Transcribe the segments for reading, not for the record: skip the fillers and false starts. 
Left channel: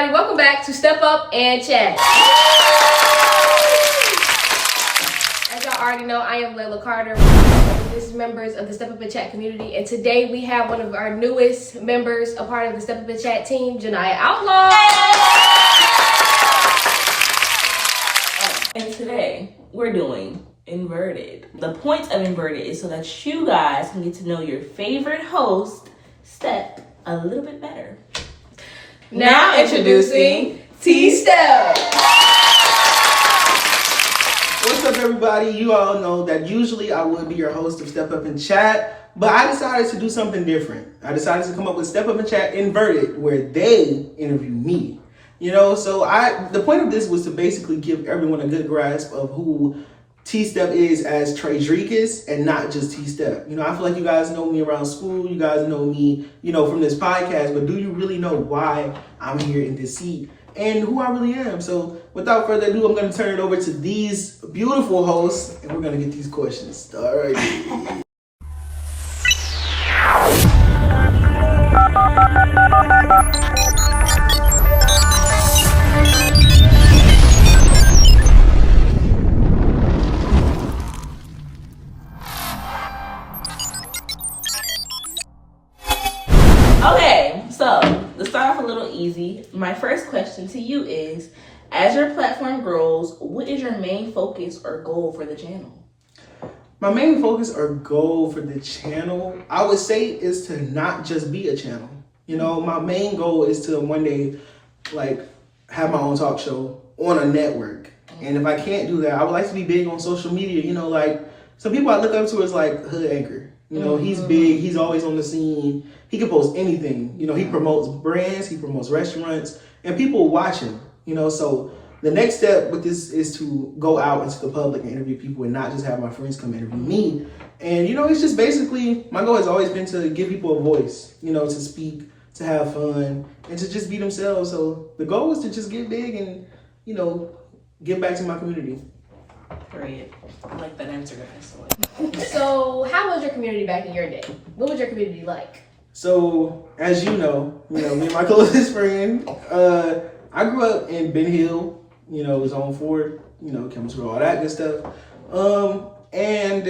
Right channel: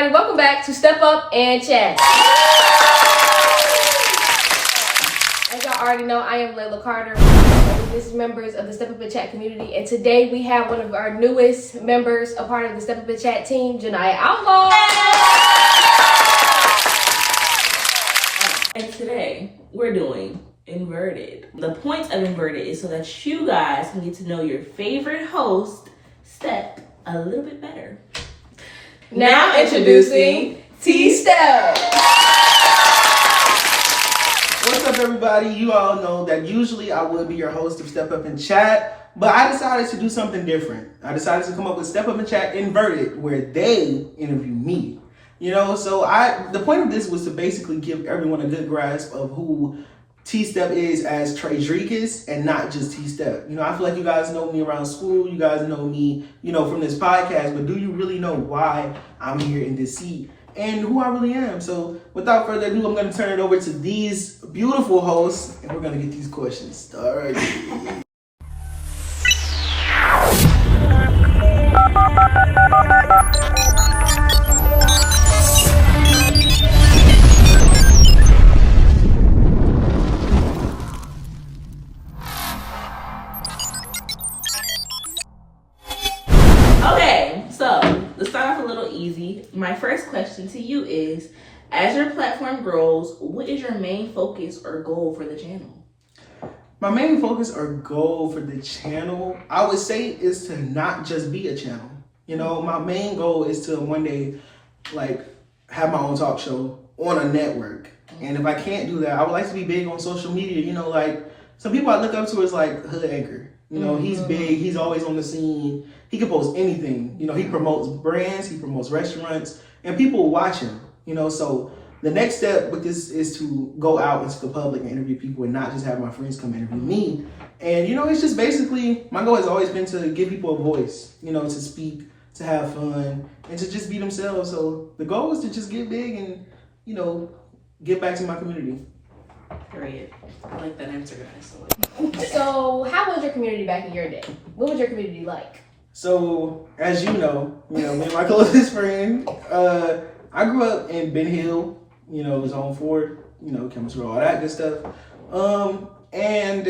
everybody. Welcome back to Step Up and Chat. As y'all already know, I am Layla Carter, one of the members of the Step Up and Chat community. And today we have one of our newest members, a part of the Step Up and Chat team, Janiyah Outlaw. And today we're doing Inverted. The point of Inverted is so that you guys can get to know your favorite host, Stepp, a little bit better. Now introducing T.Stepp. What's up, everybody? You all know that usually I would be your host of Step Up and Chat, but I decided to do something different. I decided to come up with Step Up and Chat Inverted, where they interview me. You know, so the point of this was to basically give everyone a good grasp of who T.Stepp is as Traydricus and not just T.Stepp. You know, I feel like you guys know me around school. You guys know me, you know, from this podcast. But do you really know why I'm here in this seat and who I really am? So without further ado, I'm going to turn it over to these beautiful hosts, and we're going to get these questions started. So, to start off a little easy, my first question to you is, as your platform grows, what is your main focus or goal for the channel? My main focus or goal for the channel, I would say, is to not just be a channel. You know, my main goal is to one day, like, have my own talk show on a network. And if I can't do that, I would like to be big on social media. You know, like, some people I look up to is like Hood Anchor. You know, he's big, he's always on the scene. He can post anything. You know, he promotes brands, he promotes restaurants, and people watch him. You know, so the next step with this is to go out into the public and interview people and not just have my friends come interview me. And, you know, it's just basically, my goal has always been to give people a voice, you know, to speak, to have fun, and to just be themselves. So the goal is to just get big and, you know, give back to my community. Period. I like that answer, guys. So, how was your community back in your day? What was your community like? So, as you know, me and my closest friend, I grew up in Ben Hill, you know, Zone 4, you know, Chemist Row, all that good stuff. And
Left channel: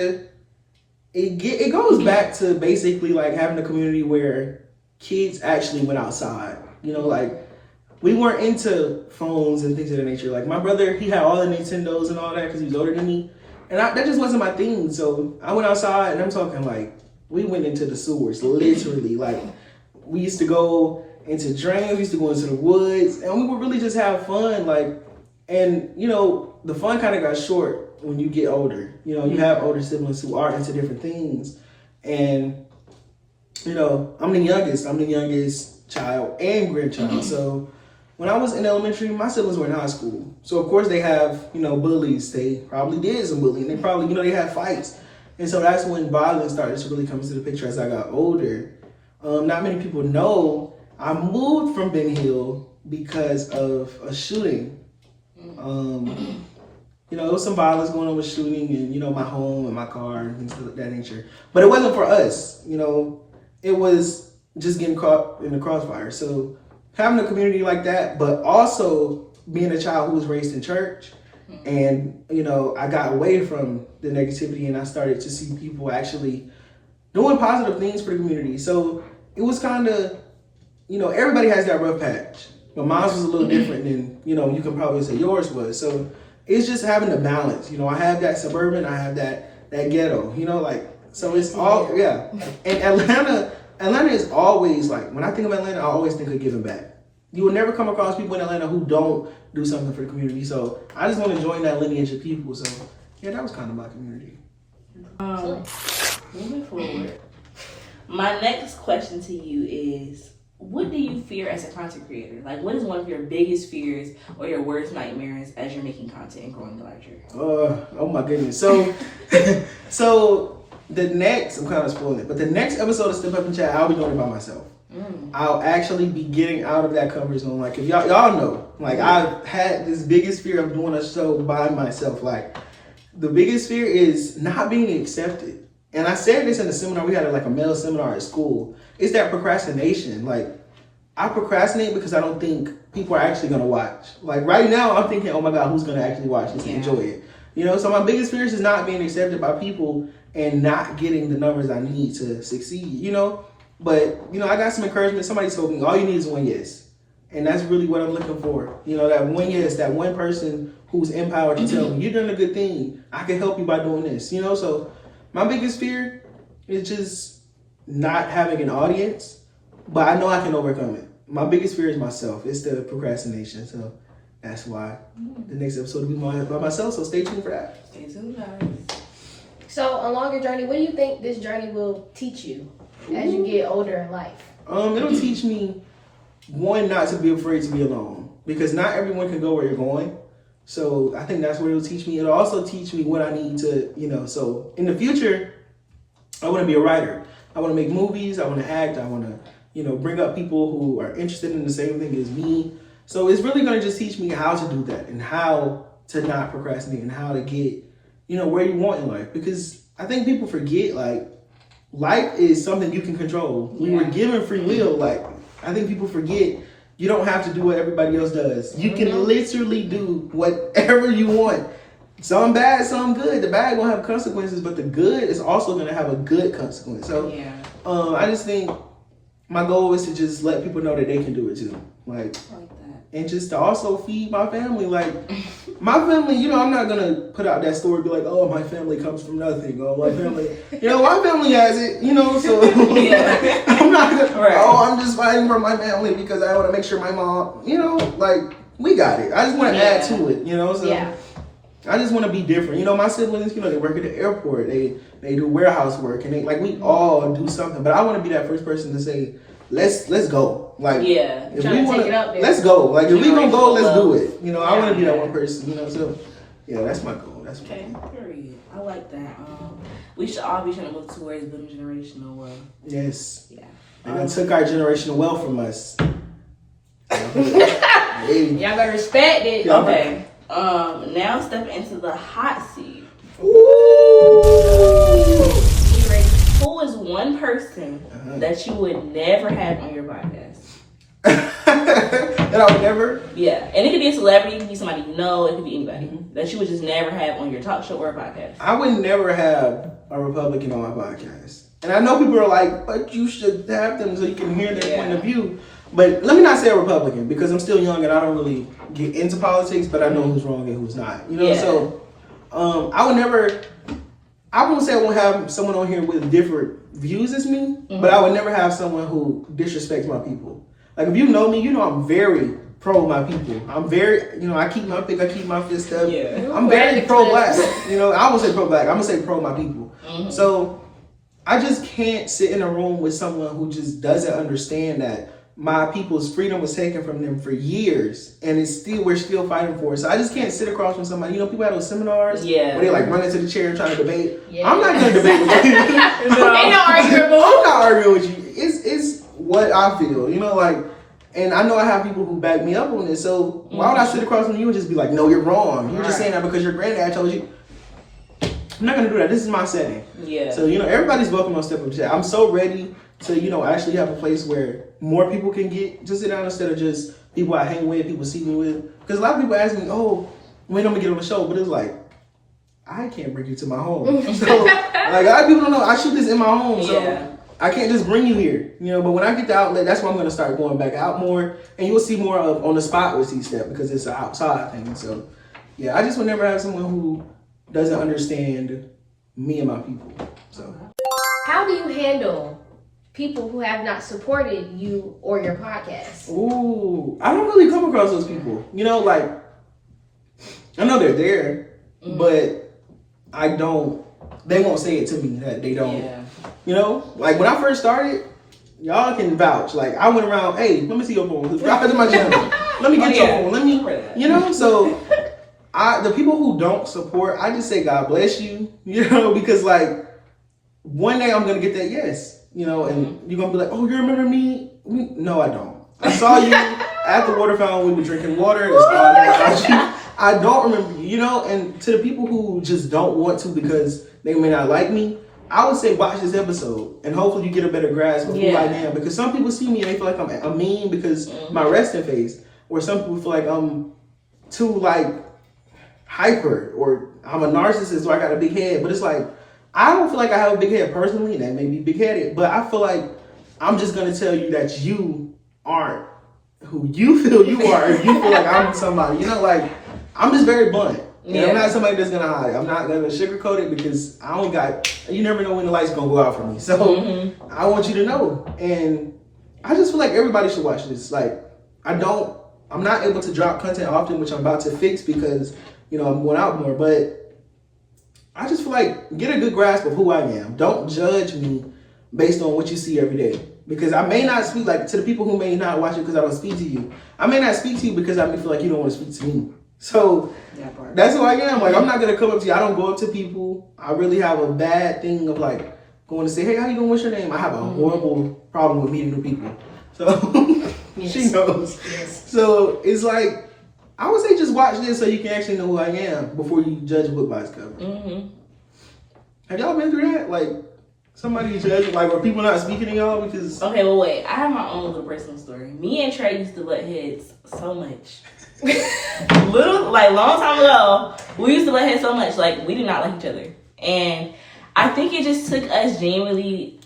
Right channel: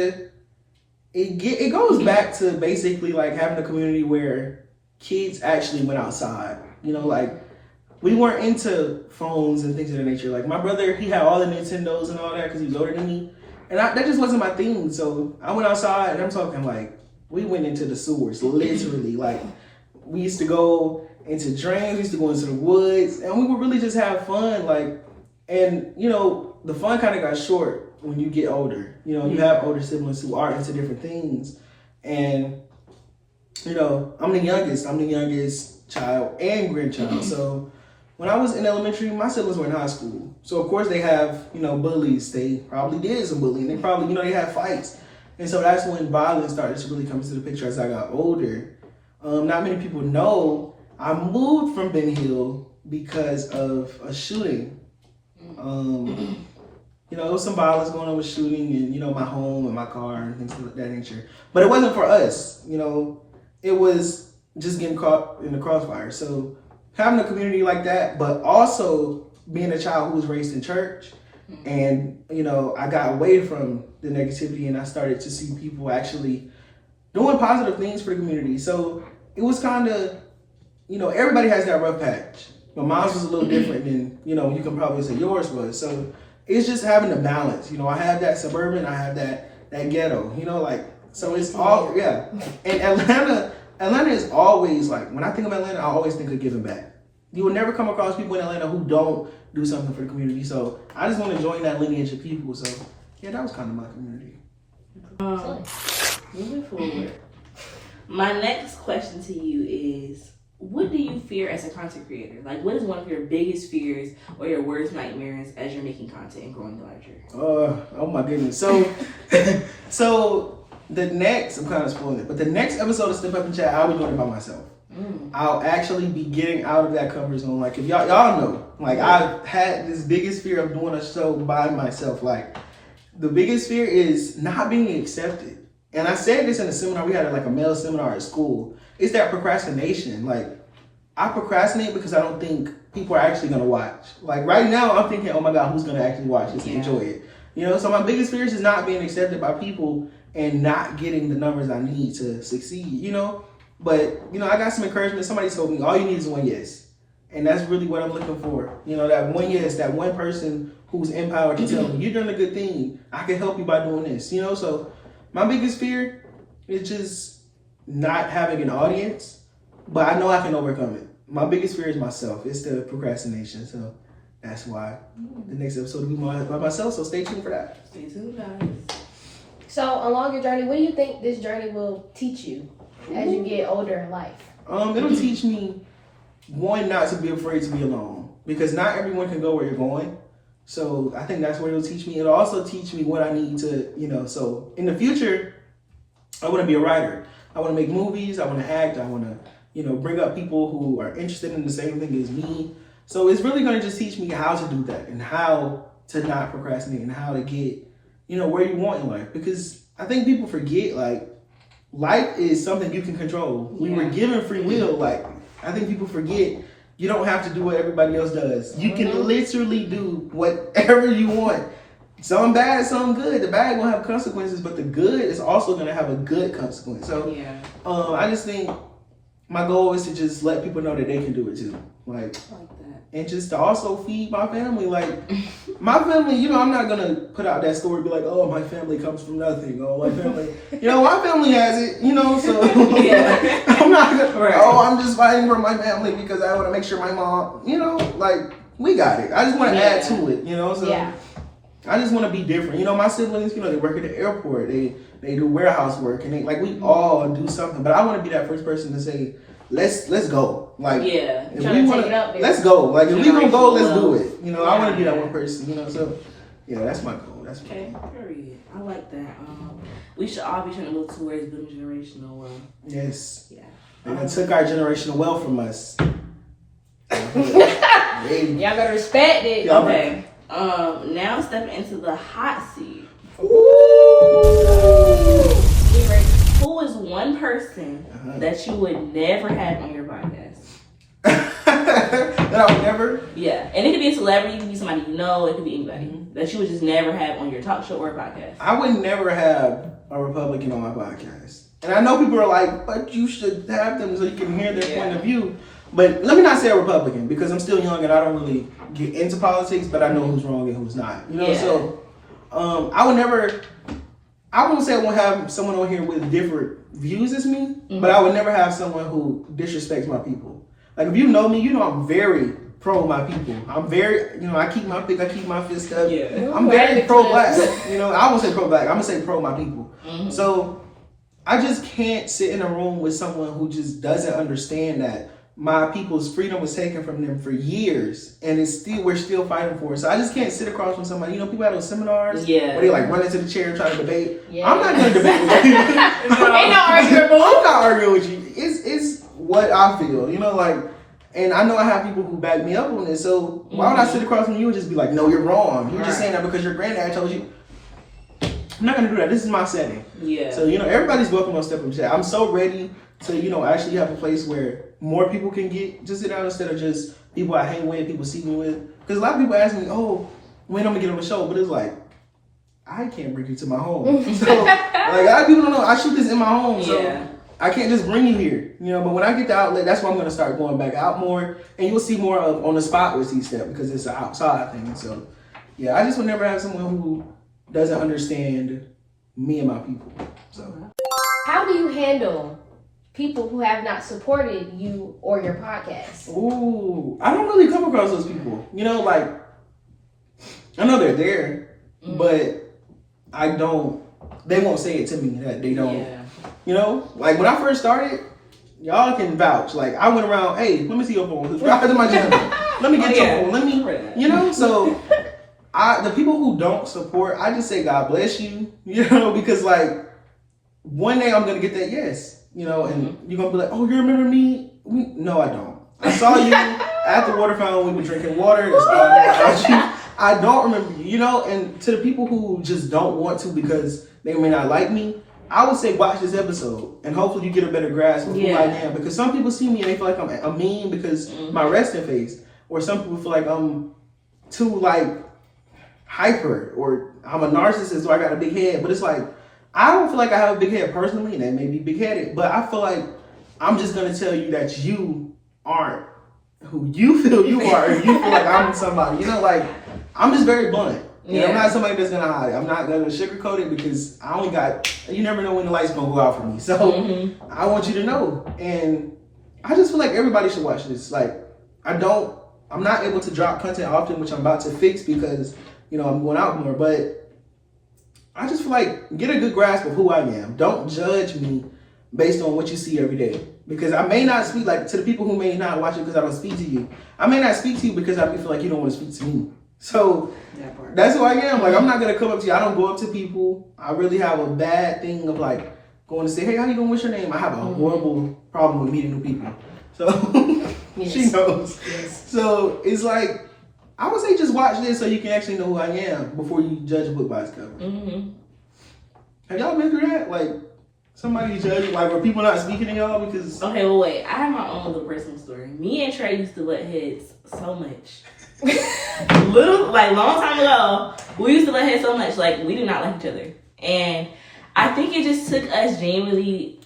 it goes back to basically like having a community where kids actually went outside, you know, like we weren't into phones and things of that nature. Like my brother, he had all the Nintendos and all that because he was older than me. And that just wasn't my thing. So I went outside, and I'm talking like, we went into the sewers, literally. Like, we used to go into drains, we used to go into the woods, and we would really just have fun. Like, and, you know, the fun kind of got short when you get older. You know, you have older siblings who are into different things. And, you know, I'm the youngest child and grandchild. So when I was in elementary, my siblings were in high school. So, of course, they have, you know, bullies. They probably did some bullying. They probably, you know, they had fights. And so that's when violence started to really come into the picture as I got older. Not many people know I moved from Ben Hill because of a shooting. You know, there was some violence going on with shooting and, you know, my home and my car and things of that nature. But it wasn't for us, you know. It was just getting caught in the crossfire. So having a community like that, but also being a child who was raised in church, and, you know, I got away from the negativity and I started to see people actually doing positive things for the community. So it was kind of, you know, everybody has that rough patch. But mine was a little different than, you know, you can probably say yours was. So it's just having the balance. You know, I have that suburban, I have that ghetto, you know, like, so it's all, yeah. And Atlanta is always like, when I think of Atlanta, I always think of giving back. You will never come across people in Atlanta who don't do something for the community. So I just want to join that lineage of people. So yeah, that was kind of my community. Moving forward, my next question to you is, what do you fear as a content creator? Like, what is one of your biggest fears or your worst nightmares as you're making content and growing larger? Oh my goodness. So, so the next, I'm kind of spoiling it, but the next episode of Step Up and Chat, I'll be doing it by myself. I'll actually be getting out of that comfort zone. Like, if y'all know, like, I've had this biggest fear of doing a show by myself. Like, the biggest fear is not being accepted. And I said this in a seminar. We had like a male seminar at school. It's that procrastination. Like, I procrastinate because I don't think people are actually gonna watch. Like right now, I'm thinking, oh my God, who's gonna actually watch this and enjoy it? You know, so my biggest fear is not being accepted by people and not getting the numbers I need to succeed, you know? But, you know, I got some encouragement. Somebody told me all you need is one yes. And that's really what I'm looking for. You know, that one yes, that one person who's empowered to tell me, you're doing a good thing. I can help you by doing this, you know? So my biggest fear is just not having an audience, but I know I can overcome it. My biggest fear is myself. It's the procrastination. So that's why the next episode will be by myself. So stay tuned for that. Stay tuned, guys. So along your journey, what do you think this journey will teach you as you get older in life? It'll teach me, one, not to be afraid to be alone, because not everyone can go where you're going. So I think that's what it'll teach me. It'll also teach me what I need to, you know, so in the future, I want to be a writer. I want to make movies. I want to act. I want to, you know, bring up people who are interested in the same thing as me. So it's really going to just teach me how to do that and how to not procrastinate and how to get, you know, where you want in life. Because I think people forget, like, life is something you can control. We were given free will. Like, I think people forget you don't have to do what everybody else does. You can literally do whatever you want. Some bad, some good. The bad gonna have consequences, but the good is also gonna have a good consequence. So I just think my goal is to just let people know that they can do it too. Like and just to also feed my family. Like my family, you know, I'm not gonna put out that story, be like, oh, my family comes from nothing. Oh, my family, you know, my family has it, you know, so I'm not gonna, oh, I'm just fighting for my family because I want to make sure my mom, you know, like we got it. I just want to add to it, you know, so I just want to be different. You know, my siblings, you know, they work at the airport, they do warehouse work, and they like we all do something. But I want to be that first person to say, let's go. Like, if we want to, let's go. Like, if we gonna go, let's do it. You know, I want to be that one person. You know, so yeah, that's my goal. That's my goal. Period. I like that. We should all be trying to move towards building generational wealth. Yes. Yeah. They took our generational wealth from us. Y'all better respect it. Okay. Now step into the hot seat. Ooh. Who is one person that you would never have on your podcast? That I would never? Yeah. And it could be a celebrity, it could be somebody you know, it could be anybody that you would just never have on your talk show or podcast. I would never have a Republican on my podcast. And I know people are like, but you should have them so you can hear their point of view. But let me not say a Republican because I'm still young and I don't really get into politics, but I know who's wrong and who's not. You know, so I would never, I won't say I won't have someone on here with different views as me, but I would never have someone who disrespects my people. Like if you know me, you know I'm very pro my people. I'm very, you know, I keep my fist up. Yeah. I'm very pro-black. You know, I won't say pro-black, I'm gonna say pro my people. So I just can't sit in a room with someone who just doesn't understand that my people's freedom was taken from them for years, and we're still fighting for it. So I just can't sit across from somebody. You know, people have those seminars where they like run into the chair and try to debate. I'm not gonna debate with you. I'm not arguing with you. It's what I feel. You know, like, and I know I have people who back me up on this. So why would I sit across from you and just be like, no, you're wrong. You're just saying that because your granddad told you. I'm not gonna do that. This is my setting. Yeah. So, you know, everybody's welcome on Step Up Chat. I'm so ready to, you know, actually have a place where more people can get to sit down instead of just people I hang with, people see me with. Because a lot of people ask me, oh, when I'm gonna get on the show? But it's like, I can't bring you to my home. So, like, a lot of people don't know. I shoot this in my home, so I can't just bring you here. You know, but when I get the outlet, that's when I'm gonna start going back out more, and you'll see more of on the spot with T.Stepp because it's an outside thing. So, yeah, I just would never have someone who doesn't understand me and my people. So, how do you handle people who have not supported you or your podcast? Ooh, I don't really come across those people. You know, like, I know they're there, but they won't say it to me that they don't. Yeah. You know, like when I first started, y'all can vouch. Like I went around, hey, let me see your phone. Subscribe to my channel. Let me get your phone. Let me, you know, so the people who don't support, I just say God bless you, you know, because like one day I'm gonna get that yes, you know, and you're gonna be like, oh, you remember me? No, I don't. I saw you at the water fountain. We were drinking water. That's all I know about you. I don't remember you, you know. And to the people who just don't want to because they may not like me, I would say watch this episode and hopefully you get a better grasp of who I am. Because some people see me and they feel like I'm a meme because my resting face. or some people feel like I'm too like hyper, or I'm a narcissist, or I got a big head. But it's like, I don't feel like I have a big head personally, and that may be big headed, but I feel like I'm just gonna tell you that you aren't who you feel you are, if you feel like I'm somebody. You know, like, I'm just very blunt. And I'm not somebody that's gonna hide. I'm not gonna sugarcoat it, because I only got, you never know when the light's gonna go out for me. So I want you to know. And I just feel like everybody should watch this. Like, I'm not able to drop content often, which I'm about to fix because, you know, I'm going out more. But I just feel like, get a good grasp of who I am. Don't judge me based on what you see every day. Because I may not speak, like, to the people who may not watch it because I don't speak to you. I may not speak to you because I may feel like you don't want to speak to me. So that's who I am. Like, I'm not going to come up to you. I don't go up to people. I really have a bad thing of, like, going to say, hey, how you doing? What's your name? I have a horrible problem with meeting new people. So she knows. Yes. So it's like, I would say just watch this so you can actually know who I am before you judge a book by its cover. Have y'all been through that? Like, somebody judge, like, or people not speaking to y'all because... Okay, well, wait. I have my own little personal story. Me and Trey used to butt heads so much. Long time ago, we used to butt heads so much. Like, we did not like each other. And I think it just took us genuinely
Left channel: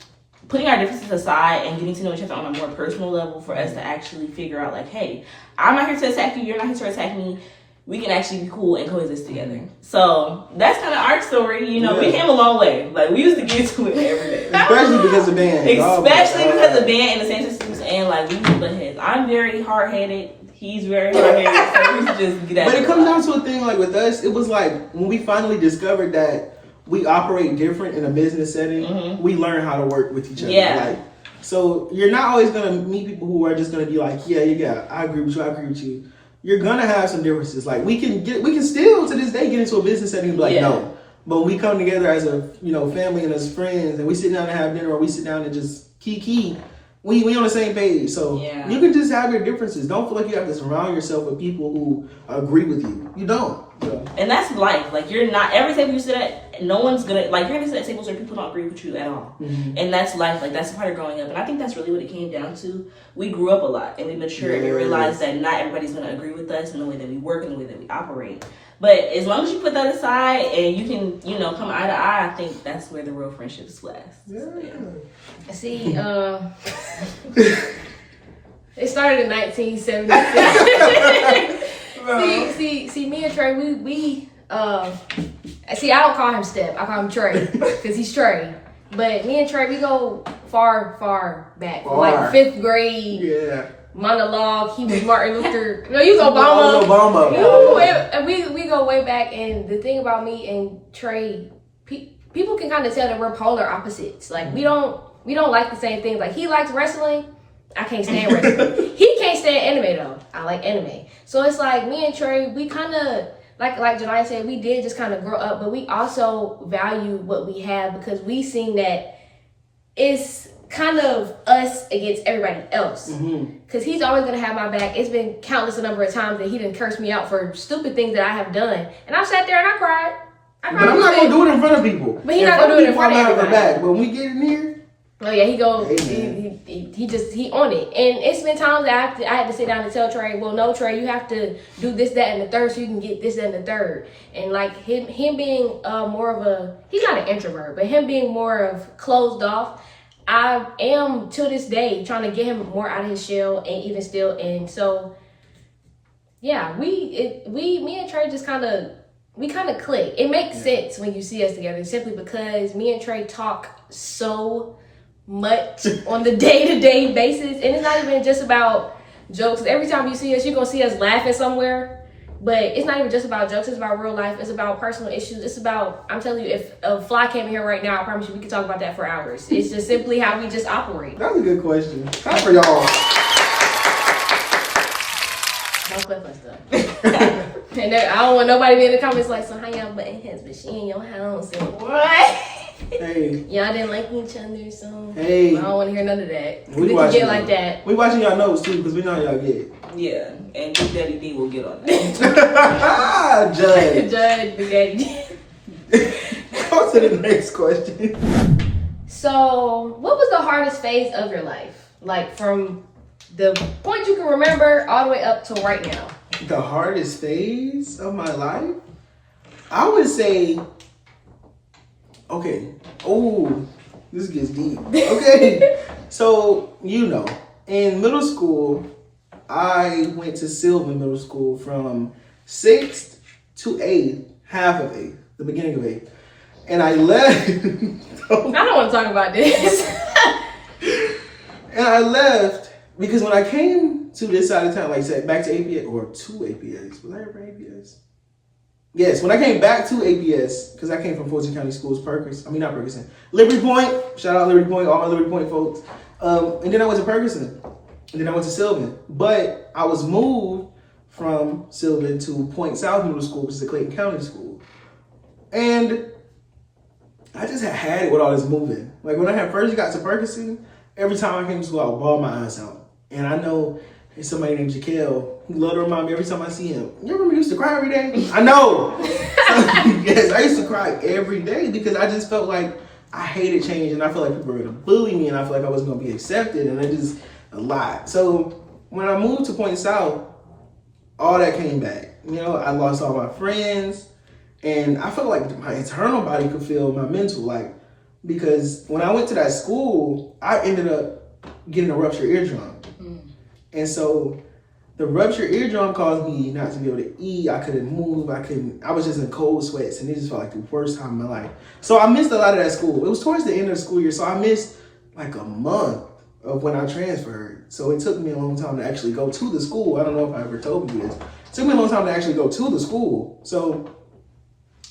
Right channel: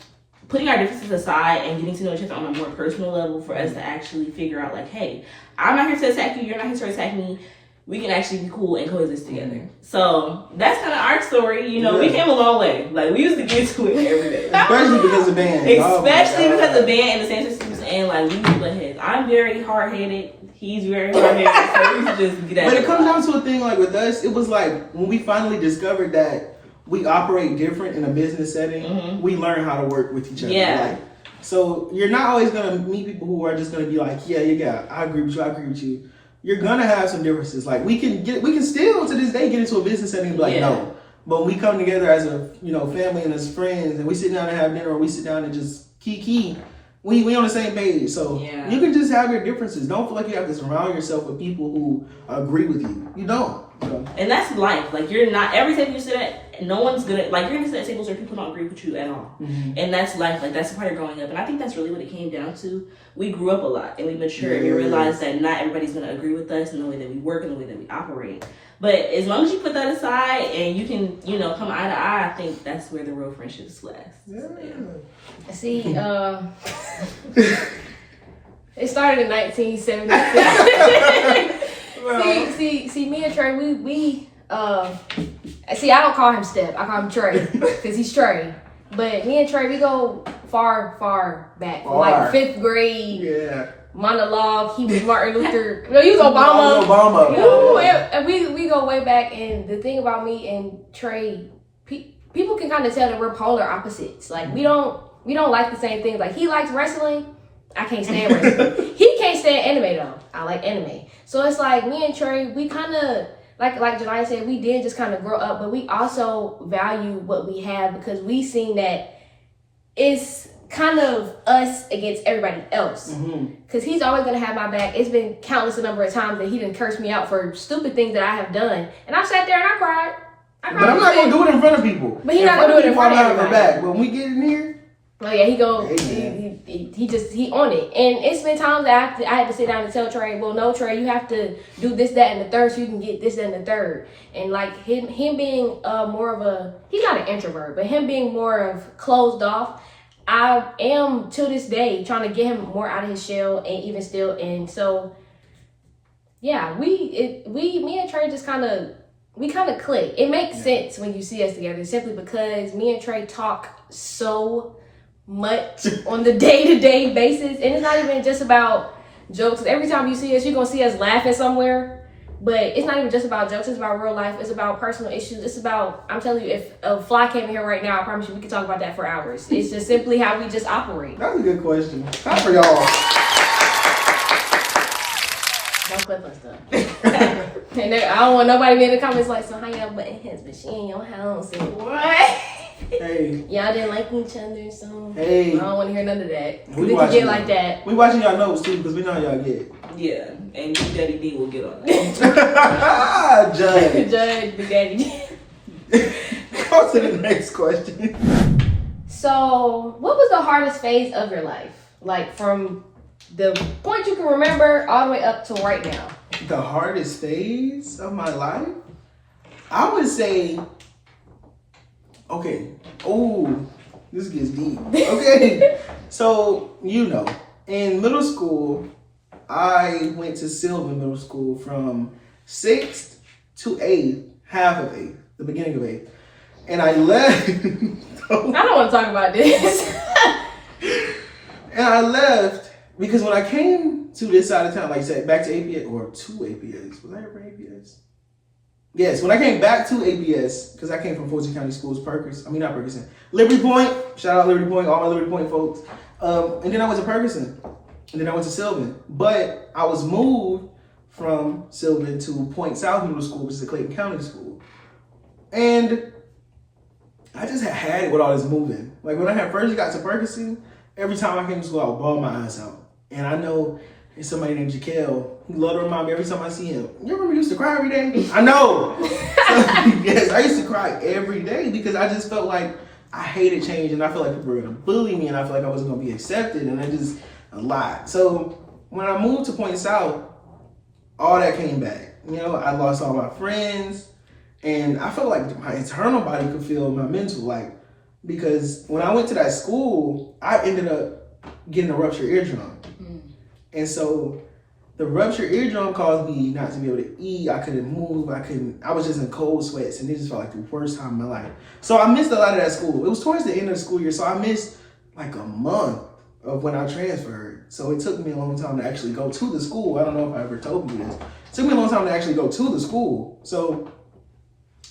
putting our differences aside and getting to know each other on a more personal level for us to actually figure out, like, hey, I'm not here to attack you, you're not here to attack me. We can actually be cool and coexist together. So that's kind of our story. You know, we came a long way. Like, we used to get to it every day. Especially because of band. Especially because of band and the San Francisco, and like, we used to butt heads. I'm very hard-headed. He's very hard-headed. So we used to just get at But it comes down to a thing, like, with us, it was like, when we finally discovered that we operate different in a business setting, we learn how to work with each other. Like, so you're not always going to meet people who are just going to be like, yeah, I agree with you. You're going to have some differences. Like, we can still to this day get into a business setting and be like, no. But when we come together as a, you know, family and as friends, and we sit down and have dinner, or we sit down and just kiki, we on the same page. So you can just have your differences. Don't feel like you have to surround yourself with people who agree with you. You don't. So. And that's life. Like, you're not, every table you sit at, no one's gonna, like, you're gonna sit at tables where people don't agree with you at all. And that's life. Like, that's part of growing up. And I think that's really what it came down to. We grew up a lot and we matured and we realized that not everybody's gonna agree with us in the way that we work and the way that we operate. But as long as you put that aside and you can, you know, come eye to eye, I think that's where the real friendships last. See, it started in 1976. See, me and Trey, we see, I don't call him Stepp. I call him Trey because he's Trey. But me and Trey, we go far back, like 5th grade. Yeah. Monologue. He was Martin Luther. No, he was Obama. We go way back, and the thing about me and Trey, people can kind of tell that we're polar opposites. Like, we don't like the same things. Like, he likes wrestling. I can't stand wrestling. He can't stand anime though. I like anime. So it's like, me and Trey, we kind of, like Janai said, we did just kind of grow up, but we also value what we have because we seen that it's kind of us against everybody else. Because he's always going to have my back. It's been countless a number of times that he done cursed me out for stupid things that I have done. And I sat there and I cried. But I'm not going to do it in front of people. But he's not going to do it in front of everybody. Back. But when we get in here, oh yeah, he on it. And it's been times that I had to sit down and tell Trey, well, no, Trey, you have to do this, that, and the third so you can get this, that, and the third. And like him being more of a, he's not an introvert, but him being more of closed off, I am to this day trying to get him more out of his shell and even still. And so, yeah, me and Trey just kind of click. It makes sense when you see us together simply because me and Trey talk so much on the day-to-day basis. And it's not even just about jokes. Every time you see us, you're going to see us laughing somewhere. But it's not even just about jokes. It's about real life. It's about personal issues. It's about, I'm telling you, if a fly came in here right now, I promise you we could talk about that for hours. It's just simply how we just operate. That's a good question. Time for y'all. Don't clip us though. And I don't want nobody in the comments like, so how y'all butting heads, but she in your house and what? Hey. Y'all didn't like each other, so hey. I don't want to hear none of that. We watching get like that. We watching y'all notes too, because we know how y'all get. Yeah, and Big Daddy D will get on that. Judge. Judge, Big Daddy D. Go to the next question. So, what was the hardest phase of your life? Like from The point you can remember all the way up to right now. The hardest phase of my life? I would say, okay. Oh, this gets deep. Okay. So, in middle school, I went to Sylvan Middle School from 6th to 8th, half of 8th, the beginning of 8th. And I left. I don't want to talk about this. And I left because when I came to this side of town, like I said, back to APS, or to APS. Was I ever APS? Yes, when I came back to APS, because I came from Fulton County Schools, Liberty Point. Shout out Liberty Point, all my Liberty Point folks. And then I went to Ferguson. And then I went to Sylvan. But I was moved from Sylvan to Point South Middle School, which is a Clayton County school. And I just had it with all this moving. Like when I had first got to Ferguson, every time I came to school, I would bawl my eyes out. And I know there's somebody named Jaquel who love to remind me every time I see him. You remember you used to cry every day? I know. Yes, I used to cry every day because I just felt like I hated change and I felt like people were going to bully me and I felt like I wasn't going to be accepted and it just a lot. So when I moved to Point South, all that came back. I lost all my friends and I felt like my internal body could feel my mental, like, because when I went to that school, I ended up getting a ruptured eardrum. And so the ruptured eardrum caused me not to be able to eat. I couldn't move. I was just in cold sweats and it just felt like the worst time of my life. So I missed a lot of that school. It was towards the end of the school year. So I missed like a month of when I transferred. So it took me a long time to actually go to the school. I don't know if I ever told you this. It took me a long time to actually go to the school. So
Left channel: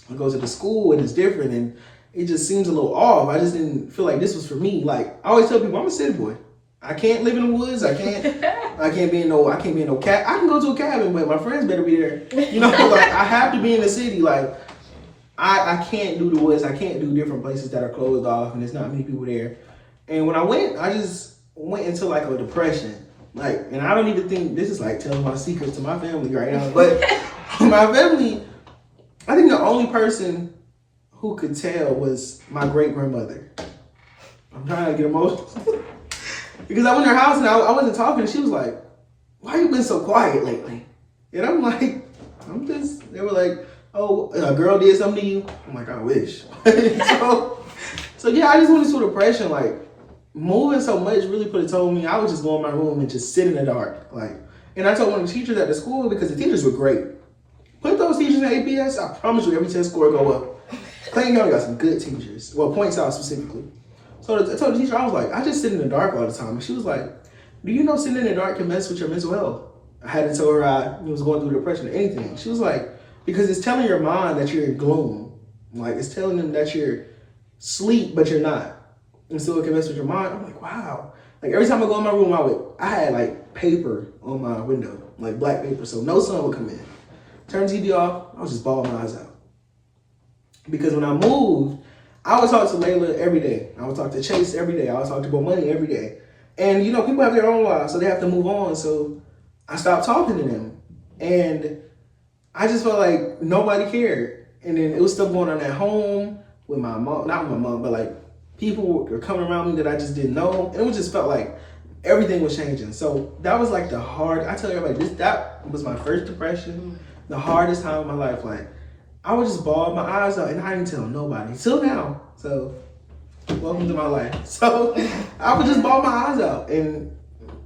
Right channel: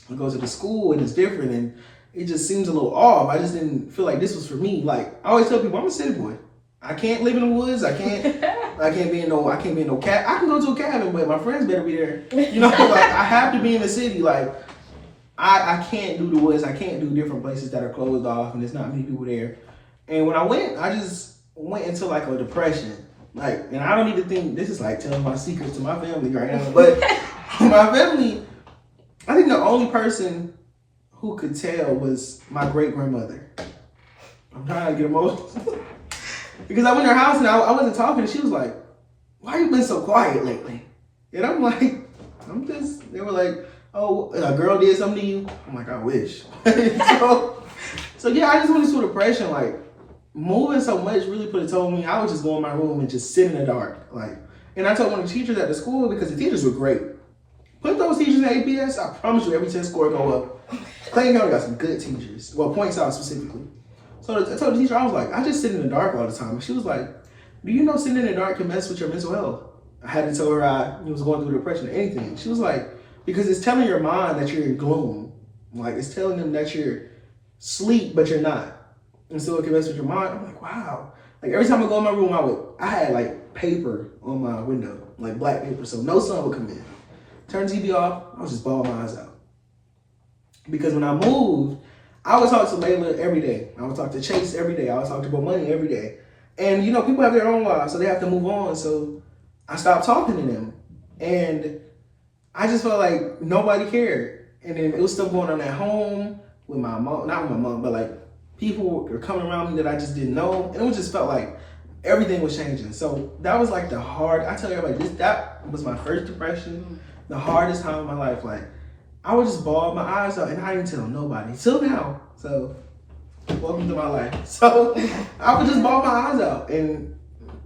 I go to the school and it's different and it just seems a little off. I just didn't feel like this was for me. Like I always tell people, I'm a city boy. I can't live in the woods. I can't be in no cabin. I can go to a cabin, but my friends better be there. Like I have to be in the city. Like I can't do the woods. I can't do different places that are closed off and there's not many people there. And when I went, I just went into like a depression. Like, and I don't even think this is like telling my secrets to my family right now, but my family, I think the only person who could tell was my great grandmother. I'm trying not to get emotional. Because I went to her house and I wasn't talking and she was like, why you been so quiet lately? And I'm like, they were like, oh, a girl did something to you? I'm like, I wish. so yeah, I just went into depression. Like moving so much really put a toll on me. I would just go in my room and just sit in the dark. And I told one of the teachers at the school, because the teachers were great. Put those teachers in APS, I promise you every test score go up. Clayton County got some good teachers. Well, Point South specifically. So I told the teacher, I was like, I just sit in the dark all the time. And she was like, do you know sitting in the dark can mess with your mental health? I had to tell her I was going through depression or anything. She was like, because it's telling your mind that you're in gloom. Like it's telling them that you're asleep, but you're not. And so it can mess with your mind. I'm like, wow. Like every time I go in my room, I had like paper on my window, like black paper. So no sun would come in. Turn the TV off, I was just bawling my eyes out. Because when I moved, I would talk to Layla every day. I would talk to Chase every day. I would talk to Money every day. And people have their own lives, so they have to move on. So I stopped talking to them. And I just felt like nobody cared. And then it was stuff going on at home with my mom, not with my mom, but like people were coming around me that I just didn't know. And it just felt like everything was changing. So that was like I tell everybody, that was my first depression, the hardest time of my life. Like I would just bawl my eyes out and I didn't tell nobody till now. So welcome to my life. So I would just bawl my eyes out and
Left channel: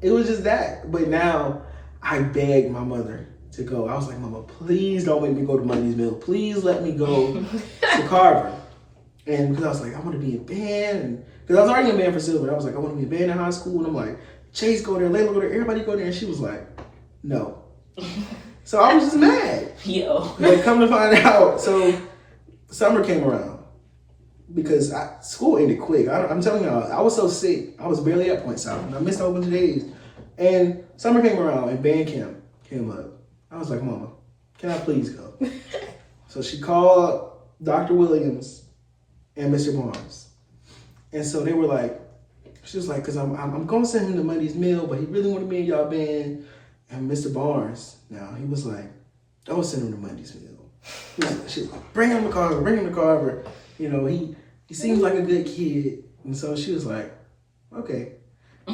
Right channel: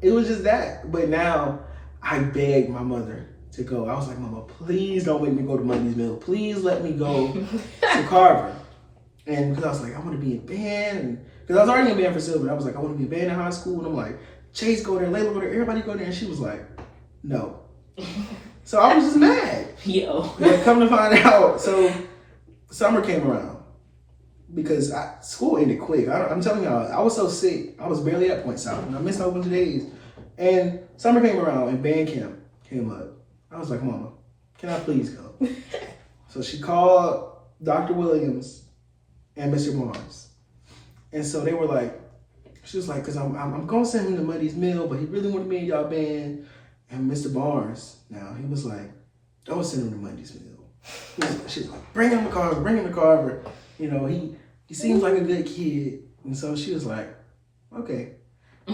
it was just that. But now I begged my mother to go. I was like, Mama, please don't make me go to Monday's Mill. Please let me go to Carver. And because I was like, I want to be in band. And because I was already in band for Silver. I was like, I want to be in band in high school. And I'm like, Chase go there, Layla go there, everybody go there. And she was like, no. So I was just mad. Yo. But come to find out, so summer came around because school ended quick. I'm telling y'all, I was so sick. I was barely at Point South and I missed a whole bunch of days. And summer came around and band camp came up. I was like, Mama, can I please go? So she called Dr. Williams and Mr. Barnes. And so they were like, she was like, because I'm going to send him to Monday's Mill, but he really wanted me in y'all band. And Mr. Barnes, now, he was like, don't send him to Monday's Mill. She's like, bring him to Carver. He seems like a good kid. And so she was like, okay.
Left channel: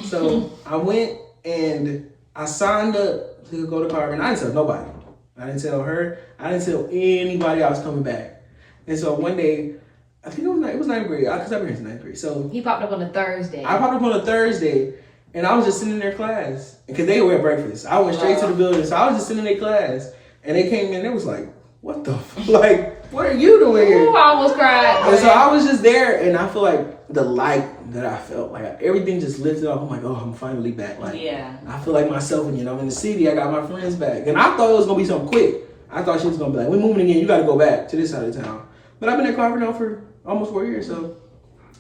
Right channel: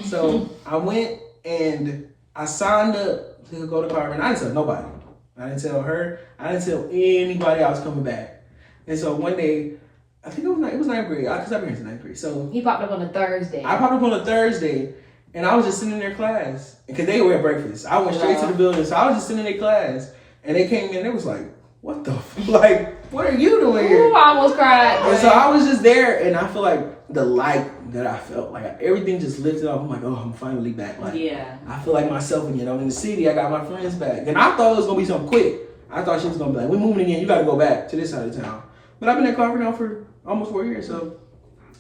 So I went And I signed up to go to Carver, and I didn't tell nobody. I didn't tell her. I didn't tell anybody I was coming back. And so one day, I think it was ninth grade, because I've been here since ninth grade. So he popped up on a Thursday. I popped up on a Thursday, and I was just sitting in their class. Because they were at breakfast. I went straight to the building, so I was just sitting in their class. And they came in, and they was like, what the like, what are you doing here? Ooh, I almost cried. And so I was just there, and I feel like the light that I felt, like everything just lifted up. I'm like, oh, I'm finally back. Like, yeah. I feel like myself again. I'm in the city. I got my friends back. And I thought it was going to be something quick. I thought she was going to be like, we're moving again. You got to go back to this side of town. But I've been at Carver now for almost 4 years, so.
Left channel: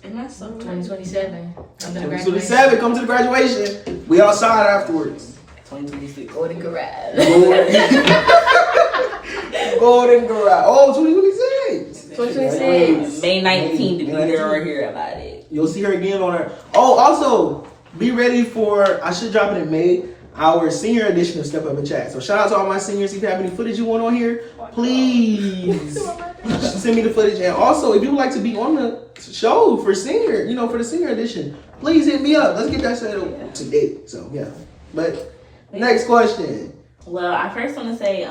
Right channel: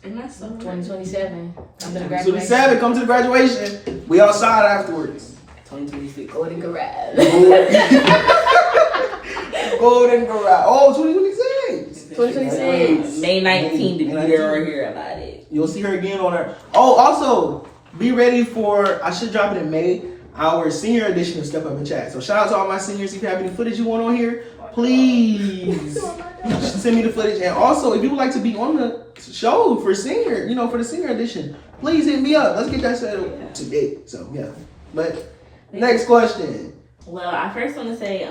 And that's so 2027. 2027, come to the graduation. We outside afterwards. 2026. Golden Garage. Golden Garage. Oh, 2026. 2026. May 19th, to be May here or 19th. here about it. You'll see her again on her. Oh, also, be ready for, I should drop it in May, our senior edition of Step Up and Chat. So shout out to all my seniors. If you have any footage you want on here, please send me the footage. And also, if you would like to be on the show for senior, for the senior edition, please hit me up. Let's get that settled today. So, yeah. But, next question. Well, I first want to say,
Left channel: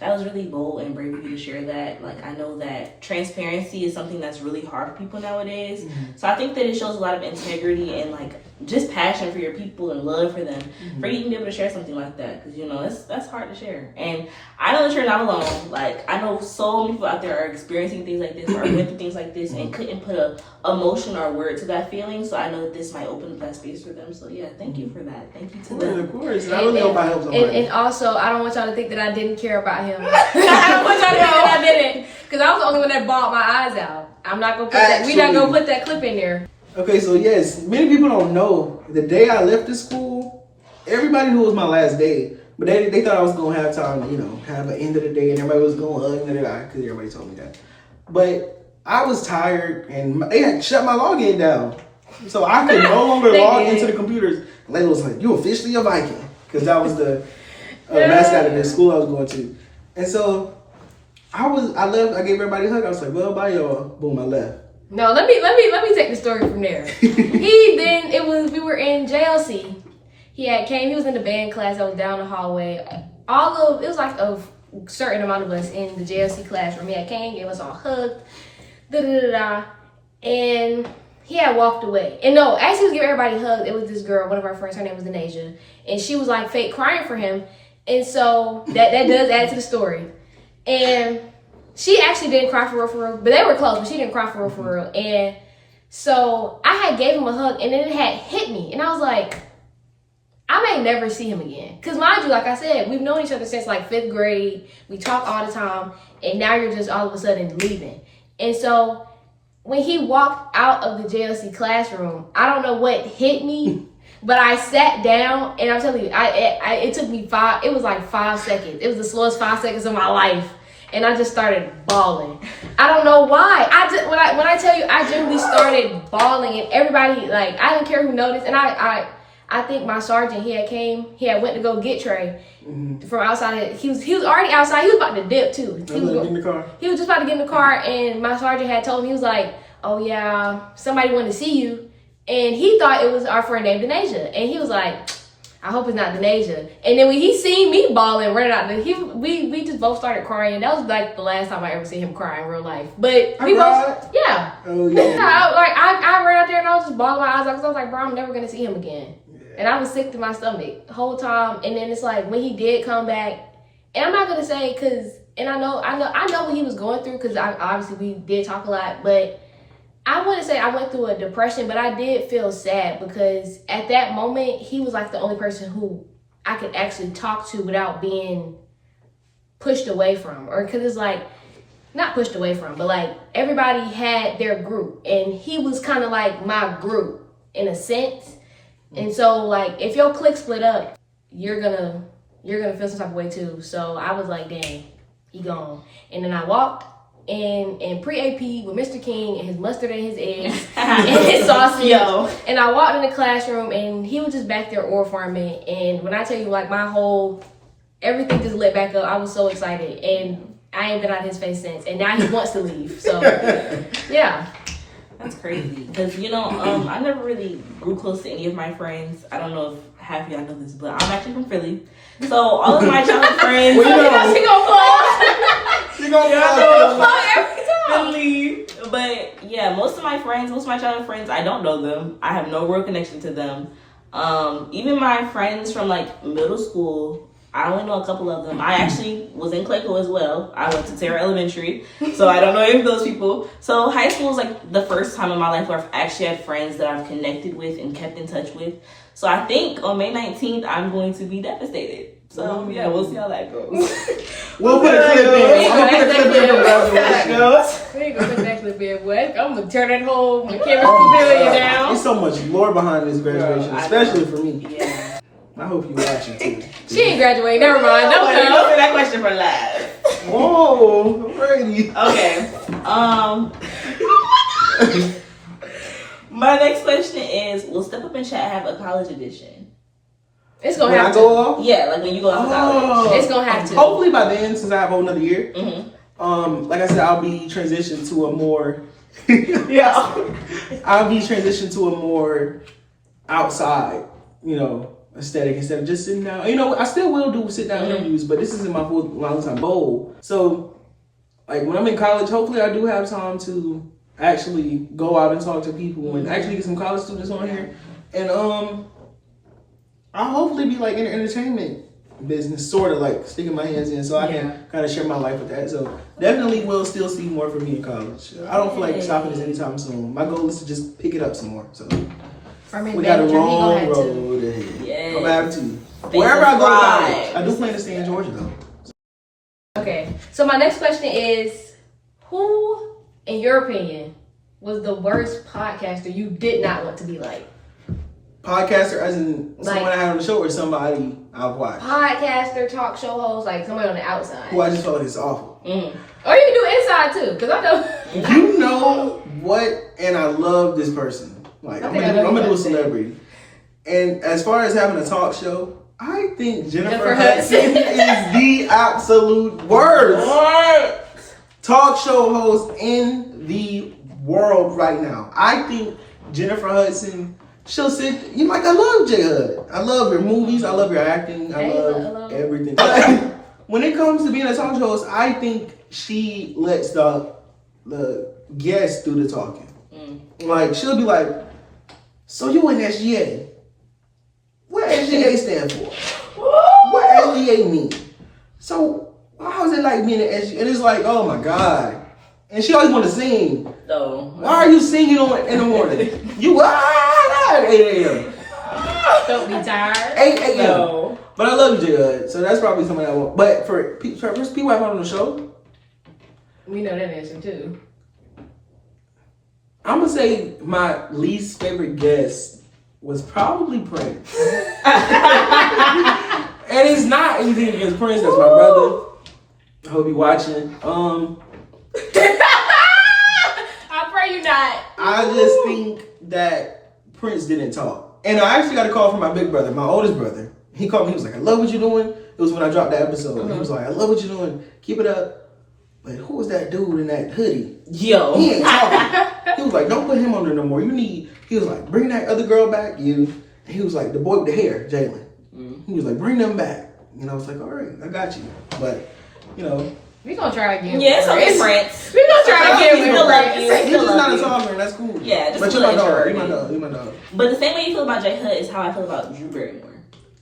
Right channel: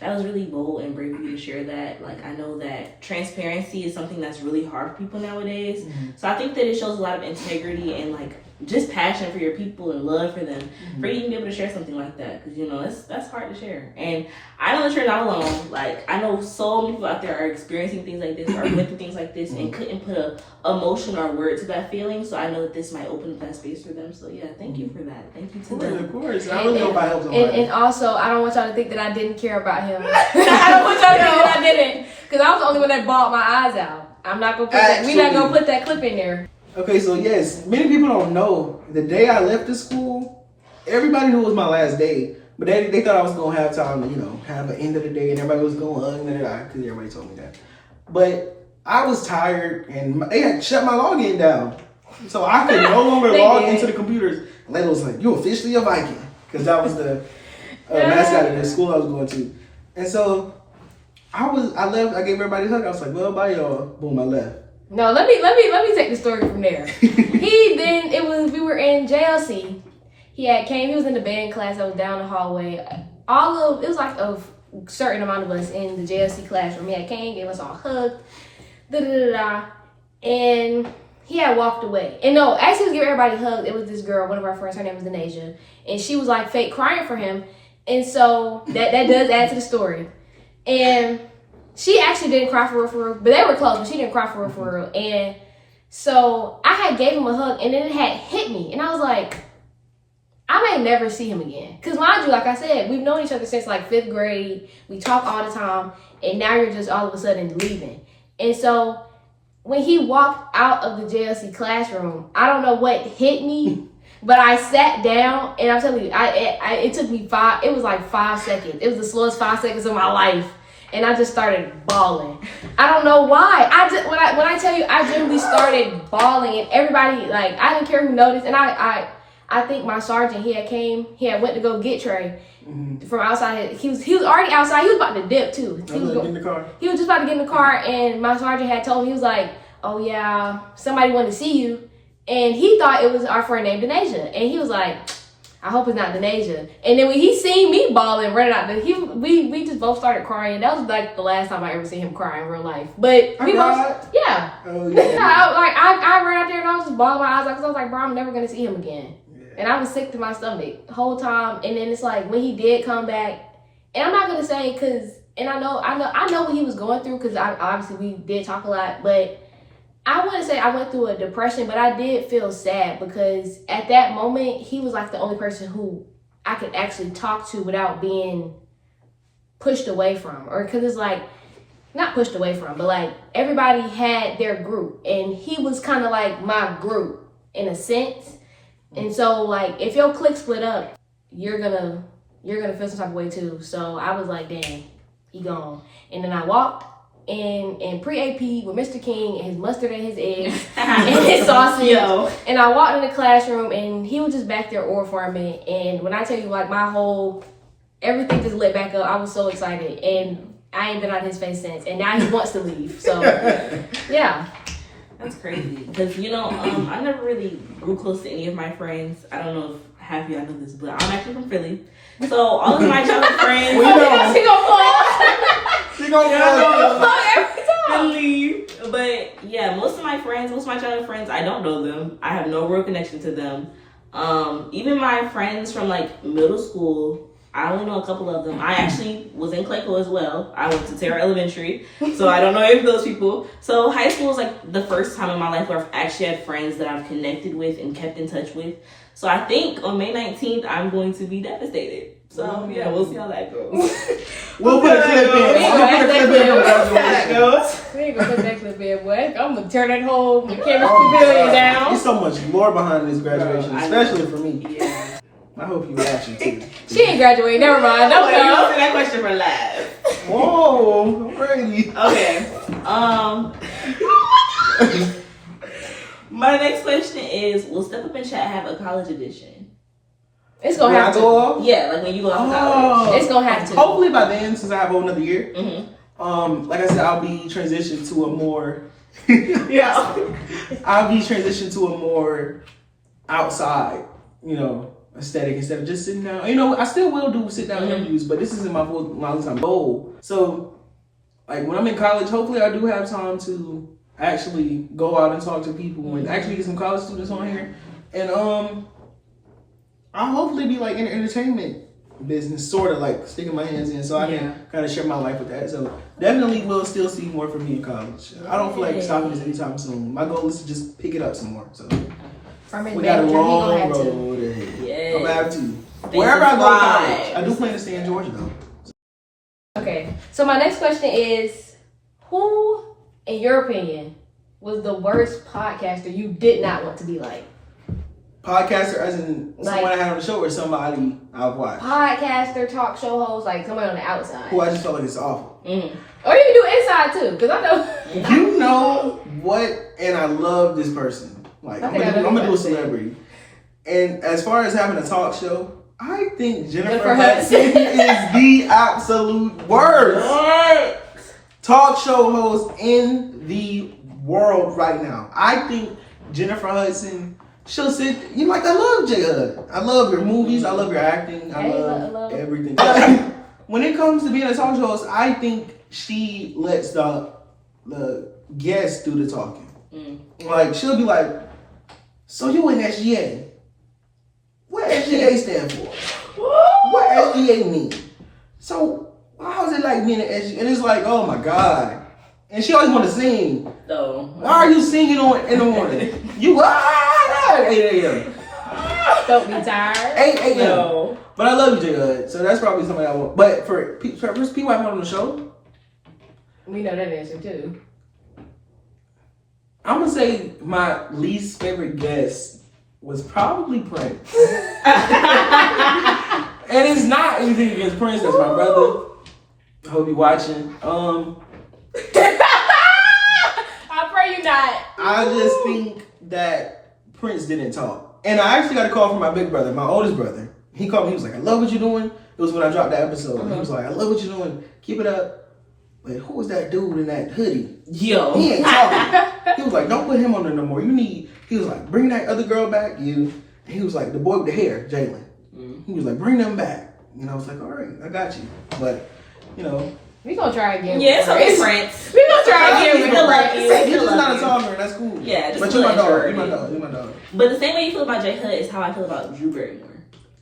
that was really bold and brave of you to share that. Like, I know that transparency is something that's really hard for people nowadays. Mm-hmm. So I think that it shows a lot of integrity and like just passion for your people and love for them, for you to be able to share something like that. Because, that's hard to share. And I know that you're not alone. Like, I know so many people out there are experiencing things like this or going through things like this and couldn't put a emotion or a word to that feeling. So I know that this might open up that space for them. So yeah, thank you for that. Thank you to them. Of course. I really hope I help somebody. And also, I don't want y'all to think that I didn't care about him. I don't want y'all to think that I didn't. Because I was the only one that bawled my eyes out. I'm not going to put that. We're not going to put that clip in there. Okay, so yes, many people don't know. The day I left the school, everybody knew it was my last day. But they thought I was going to have time to, have an end of the day. And everybody was going, because everybody told me that. But I was tired, and they had shut my login down. So I could no longer log into the computers. And Layla was like, you officially a Viking. Because that was the mascot of the school I was going to. And so I left, I gave everybody a hug. I was like, well, bye y'all. Boom, I left. No, let me take the story from there. We were in JLC. He was in the band class that was down the hallway. It was like a certain amount of us in the JLC classroom. He had came, gave us all hugs, and he had walked away. And no, actually he was giving everybody hugs. It was this girl, one of our friends, her name was Denasia, and she was like fake crying for him. And so that does add to the story. And she actually didn't cry for real, but they were close, but she didn't cry for real. And so I had gave him a hug, and then it had hit me. And I was like, I may never see him again. Because mind you, like I said, we've known each other since like 5th grade. We talk all the time. And now you're just all of a sudden leaving. And so when he walked out of the JLC classroom, I don't know what hit me, but I sat down, and I'm telling you, it took me 5 seconds. It was the slowest 5 seconds of my life. And I just started bawling. I don't know why. When I tell you, I genuinely started bawling, and everybody, like, I didn't care who noticed. And I think my sergeant, he had went to go get Trey from outside. He was already outside. He was about to dip too. He was in the car. He was just about to get in the car, and my sergeant had told him, he was like, oh yeah, somebody wanted to see you. And he thought it was our friend named Denasia. And he was like, I hope it's not Denasia. And then when he seen me bawling right out there, we just both started crying. That was like the last time I ever seen him cry in real life. But I cried? Yeah. Oh yeah. I ran out there and I was just bawling my eyes out because I was like, bro, I'm never gonna see him again. Yeah. And I was sick to my stomach the whole time. And then it's like when he did come back, and I'm not gonna say I know what he was going through because obviously we did talk a lot, but I wouldn't say I went through a depression, but I did feel sad because at that moment, he was like the only person who I could actually talk to without being pushed away from. Or because it's like, not pushed away from, but like everybody had their group and he was kind of like my group in a sense. And so like, if your clique split up, you're gonna feel some type of way too. So I was like, dang, he gone. And then I walked and pre-AP with Mr. King and his mustard and his eggs and his sausage. And I walked in the classroom and he was just back there oral forming. And when I tell you, like, everything just lit back up. I was so excited. And I ain't been out of his face since. And now he wants to leave. So, yeah. That's crazy. Because, I never really grew close to any of my friends. I don't know half of y'all know this, but I'm actually from Philly. So all of my childhood friends. We know. She gonna She gonna every time. Philly. But yeah, most of my childhood friends, I don't know them. I have no real connection to them. Even my friends from like middle school, I only know a couple of them. I actually was in Clayco as well. I went to Terra Elementary, so I don't know any of those people. So high school is like the first time in my life where I've actually had friends that I've connected with and kept in touch with. So I think on May 19th, I'm going to be devastated. So yeah, we'll see how that goes. We'll put a clip in. I'm gonna put a clip in from graduation. We ain't gonna put that clip in, boy. I'm gonna turn that whole camera pavilion down. There's so much lore behind this graduation, Bro, especially for me. Yeah. I hope you watching too. She ain't graduated. Never mind. Don't No, say that question for last. Whoa, alrighty. Okay. My next question is: will Step Up and Chat have a college edition? It's gonna When I have go to. off? Yeah, like when you go off to college. It's gonna have to. Hopefully by then, since I have a whole another year. Mm-hmm. Like I said, I'll be transitioned to a more Yeah. I'll be transitioned to a more outside, aesthetic instead of just sitting down. I still will do sit down interviews, but this isn't my full long time goal. So, like when I'm in college, hopefully I do have time to actually go out and talk to people and actually get some college students on here. And I'll hopefully be like in the entertainment business, sort of like sticking my hands in, so I can kind of share my life with that. So definitely will still see more from me in college. I don't feel like stopping this anytime soon. My goal is to just pick it up some more. So we got a long road ahead. Yes. I'm gonna have to. Wherever I go to college, I do plan to stay in Georgia though. Okay, so my next question is, who, in your opinion, was the worst podcaster you did not want to be like? Podcaster, as in someone I had on the show, or somebody I've watched? Podcaster, talk show host, like somebody on the outside. Who I just felt like it's awful. Or you can do inside too, because I know. You know what? And I love this person. Like I'm gonna do a celebrity. And as far as having a talk show, I think Jennifer Hudson is the absolute worst talk show host in the world right now. I think Jennifer Hudson. She'll sit. I love J Hud. I love your movies. I love your acting. I love everything. But when it comes to being a talk show host, I think she lets the guests do the talking. Like she'll be like, "So you in SGA? What SGA stand for? What SGA mean? So how is it like being an SGA?" And it's like, oh my god. And she always want to sing. So why are you singing in the morning? You 8 a.m. Don't be tired. 8 a.m. No. But I love you, J Hud. So that's probably somebody I want. But for people I've had on the show, We know that answer too. I'm gonna say my least favorite guest was probably Prince. And it's not anything against Prince. That's my brother. I hope you watching. I pray you not. I just think that Prince didn't talk. And I actually got a call from my big brother, my oldest brother. He called me, he was like, "I love what you're doing." It was when I dropped that episode. He was like, "I love what you're doing. Keep it up." But who was that dude in that hoodie? Yo. He ain't talking. He was like, "Don't put him on there no more. He was like, "Bring that other girl back, you." And he was like, the boy with the hair, Jalen. He was like, "Bring them back." And I was like, "All right, I got you." But, We gonna try again. Yeah, it's okay, Prince. We gonna try again. We love you. You're just not a talker, and that's cool. Yeah, just but you're my dog. You're my dog. But the same way you feel about J Hud is how I feel about Drew Barrymore.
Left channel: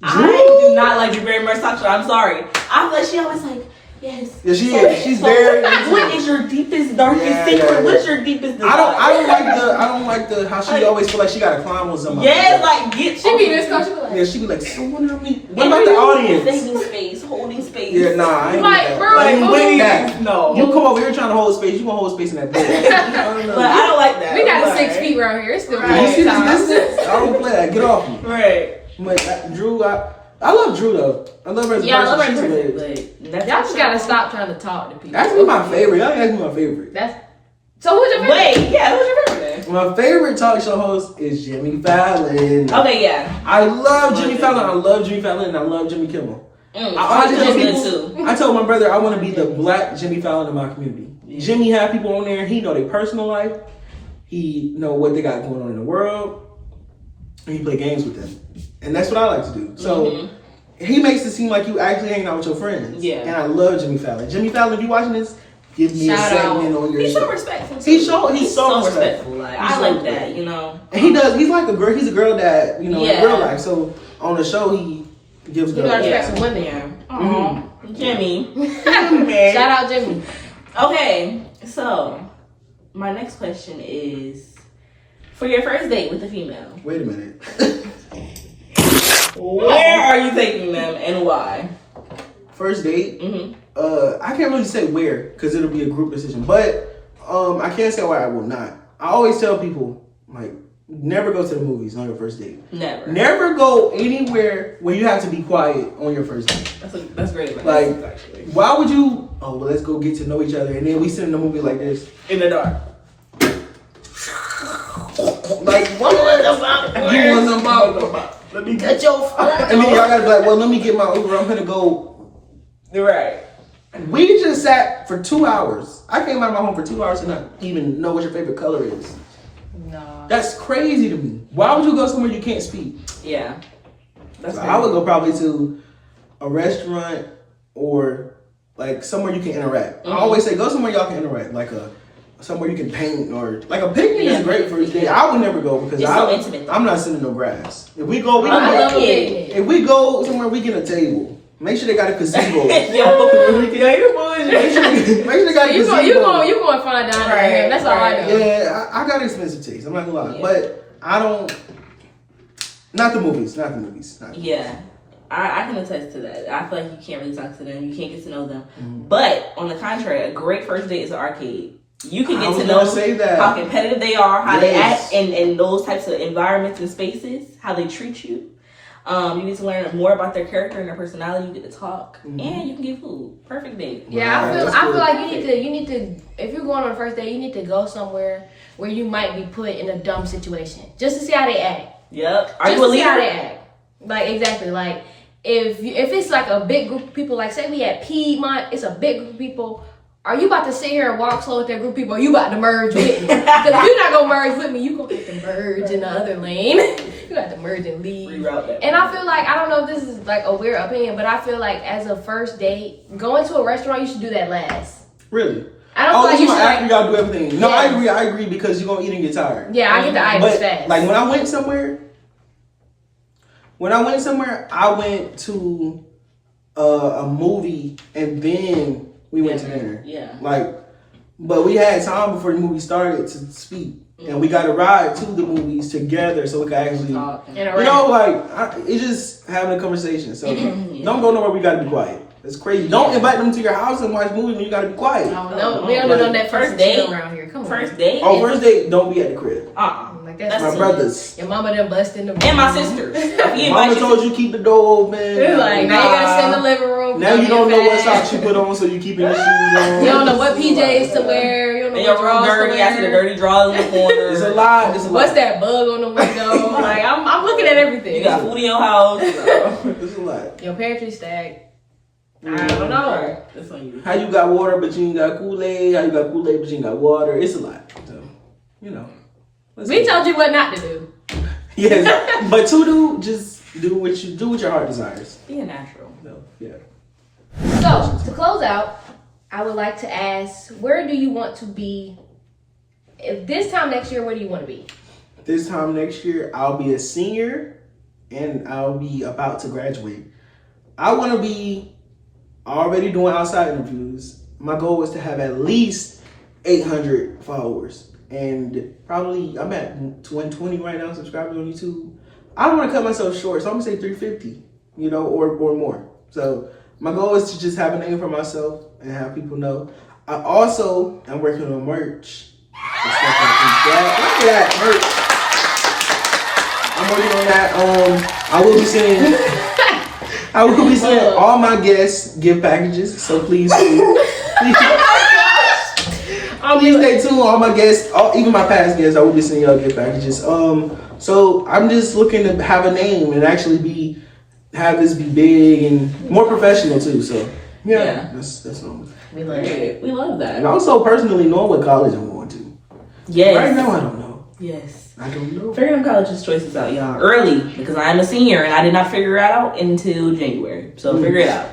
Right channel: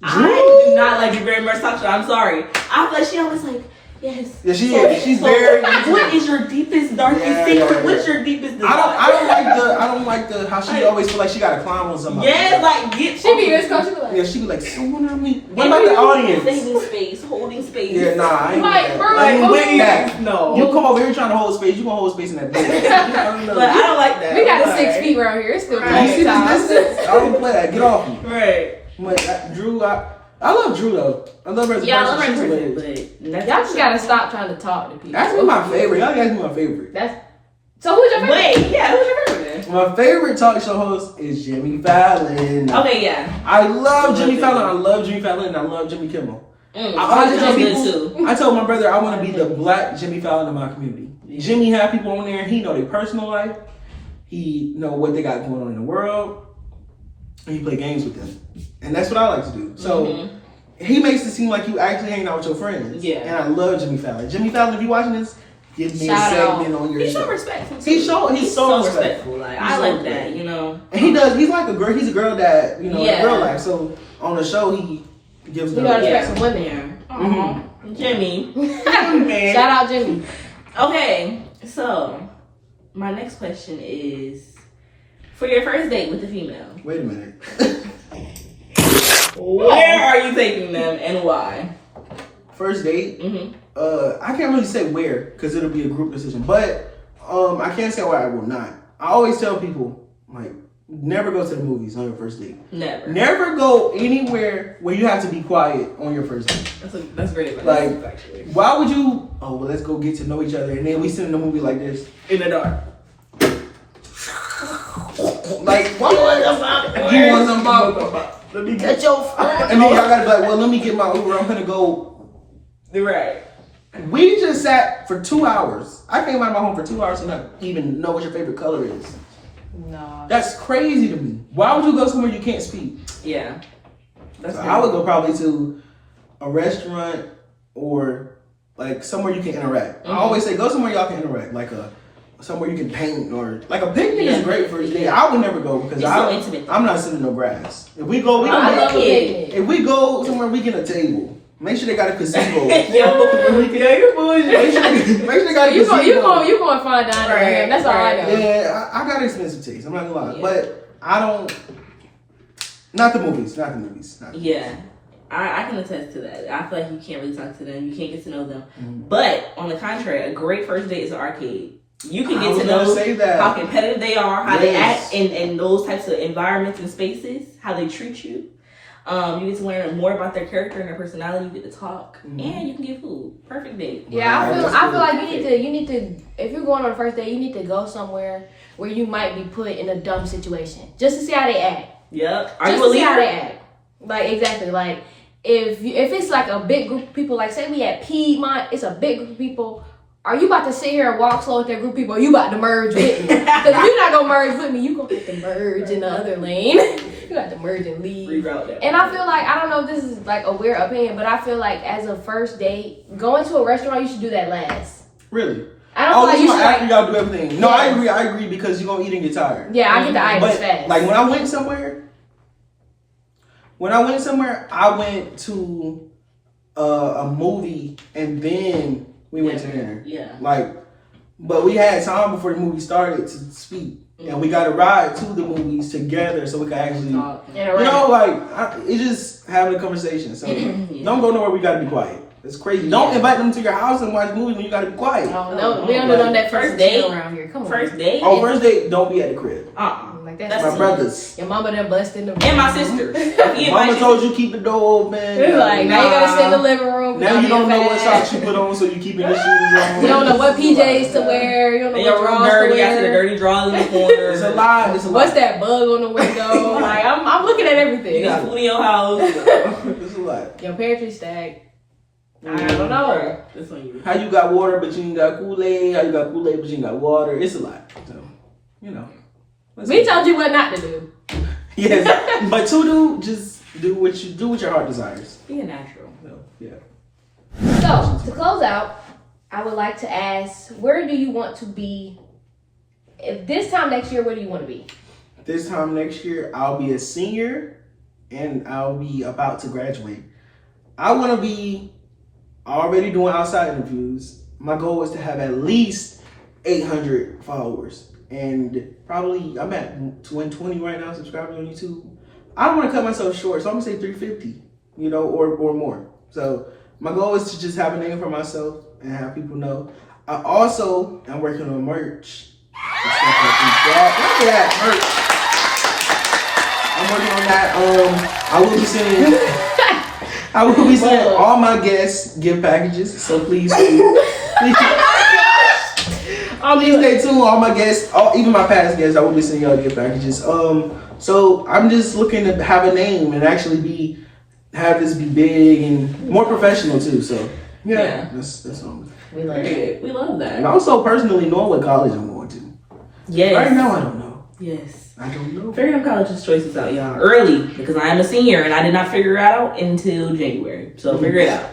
Drew? I do not like Drew Barrymore's talk show. I'm sorry. I feel like she always like, yes. Yeah, she is. She's very. What is your deepest, darkest secret? Yeah. What's your deepest desire? I don't like the how she always feel like she gotta climb on somebody. Yes, like get. She be this coach. She be like, Yeah, she be like, "Someone help me." What about the audience? Holding space. Yeah, nah, I ain't Like, with bro, that. I ain't with that. No. You come over here trying to hold space, you gonna hold space in that bed. I don't know. But I don't like that. we got a But- 6 feet around here. It's still You see time. this distance? I don't play that. Get off me. Right. But Drew, I love Drew though. I love her as a Yeah, I person. love She's her hilarious. but Y'all just gotta stop trying to talk to people. That's my favorite. Y'all ask me my favorite. So who's your favorite? Wait, yeah, who's your favorite? My favorite talk show host is Jimmy Fallon. Okay, yeah. I love Jimmy Fallon. I love Jimmy Fallon, and I love Jimmy Kimmel. I always tell people. I told my brother I want to be the black Jimmy Fallon in my community. Yeah. Jimmy have people on there. He know their personal life. He know what they got going on in the world. and you play games with them, and that's what I like to do. So he makes it seem like you actually hanging out with your friends. Yeah, and I love Jimmy Fallon. Jimmy Fallon, if you watching this, give me a segment on your. He's show. so respectful. He's so respectful. Like I like that, you know. And he does. He's like a girl. He's a girl dad, you know, in real life. So on the show, he gives girls. Some women. Yeah. Jimmy. Shout out Jimmy. Okay, so my next question is, for your first date with a female. Wait a minute. Where are you taking them and why? First date? I can't really say where because it'll be a group decision. But I can't say why I will not. I always tell people, like, never go to the movies on your first date. Never. Never go anywhere where you have to be quiet on your first date. That's great advice. Like, actually. why would you, well, let's go get to know each other. And then we sit in the movie like this. In the dark. Like, what? You want some bubble? Let me get your phone. And then y'all gotta be like, well, let me get my Uber. I'm gonna go. Right. We just sat for 2 hours. I came out of my home for 2 hours and not even know what your favorite color is. No. That's crazy to me. Why would you go somewhere you can't speak? Yeah. So I would go probably to a restaurant or like somewhere you can interact. I always say go somewhere y'all can interact, like somewhere you can paint or like a picnic is great for a day. I would never go because I'm not sitting in no grass. If we go, if we go somewhere, we get a table. Make sure they got a gazebo. Make sure they got a gazebo. You going fine dining. Right, that's all I know. Yeah, I got expensive taste. I'm not gonna lie, but I don't. Not the movies. Yeah. I can attest to that. I feel like you can't really talk to them. You can't get to know them. But on the contrary, a great first date is an arcade. You can get to know how competitive they are, how they act in those types of environments and spaces, how they treat you. You get to learn more about their character and their personality. You get to talk, and you can get food. Perfect date. Yeah, I feel like you need to. If you're going on a first date, you need to go somewhere where you might be put in a dumb situation, just to see how they act. Yep. Just to see how they act. Like exactly. Like if it's like a big group of people, like say we at Piedmont, it's a big group of people. Are you about to sit here and walk slow with that group of people? Or you about to merge with me? Because if you're not gonna merge with me, you gonna have to merge in the other lane. You got to merge and leave. Reroute that. And I feel like, I don't know if this is like a weird opinion, but I feel like as a first date, going to a restaurant, you should do that last. Really? I don't feel like you should after y'all do everything. No, yeah. I agree because you're gonna eat and get tired. Yeah, I get the items fast. Like when I went somewhere, I went to a movie and then we went to dinner. Yeah. But we had time before the movie started to speak. And we got a ride to the movies together so we could actually, it's just having a conversation. So don't go nowhere we gotta be quiet. It's crazy. Don't invite them to your house and watch movies when you gotta be quiet. No, we don't know that first date around here. Come on. First date? Oh, first date, don't be at the crib. Like that's my brothers. Your mama done bust in the room. And my sisters. Mama told you keep the door open. Like, now you gotta sit in the living room. Now you don't know what socks you put on, so you keeping the shoes on. You don't know what PJs to wear. You don't know what drawers to wear. I see the dirty drawers in the corner. It's a lot. What's that bug on the window? Like, I'm looking at everything. You got food in your house. It's a lot. Your pantry stacked. I don't know. That's on you. How you got water but you ain't got Kool-Aid? How you got Kool-Aid but you ain't got water? It's a lot. So, we told you what not to do. Yes, but to do, just do what your heart desires. Be a natural. So, yeah. So to close out, I would like to ask, where do you want to be? If this time next year, where do you want to be? This time next year, I'll be a senior, and I'll be about to graduate. I want to be already doing outside interviews. My goal is to have at least 800 followers. And probably, I'm at 120 right now, subscribers on YouTube. I don't want to cut myself short, so I'm going to say 350, or more. So my goal is to just have a name for myself and have people know. I also am working on merch. Look at that, merch. I'm working on that. I will be sending all my guests gift packages, so please stay tuned. All my guests, even my past guests, I will be sending y'all gift packages. So I'm just looking to have a name and actually have this be big and more professional too. So yeah. That's what I'm doing. We love it. We love that. And also personally knowing what college I'm going to. Yes. Right now I don't know. Yes. I don't know. Figure them college choices out, y'all, early, because I am a senior and I did not figure it out until January. So figure it out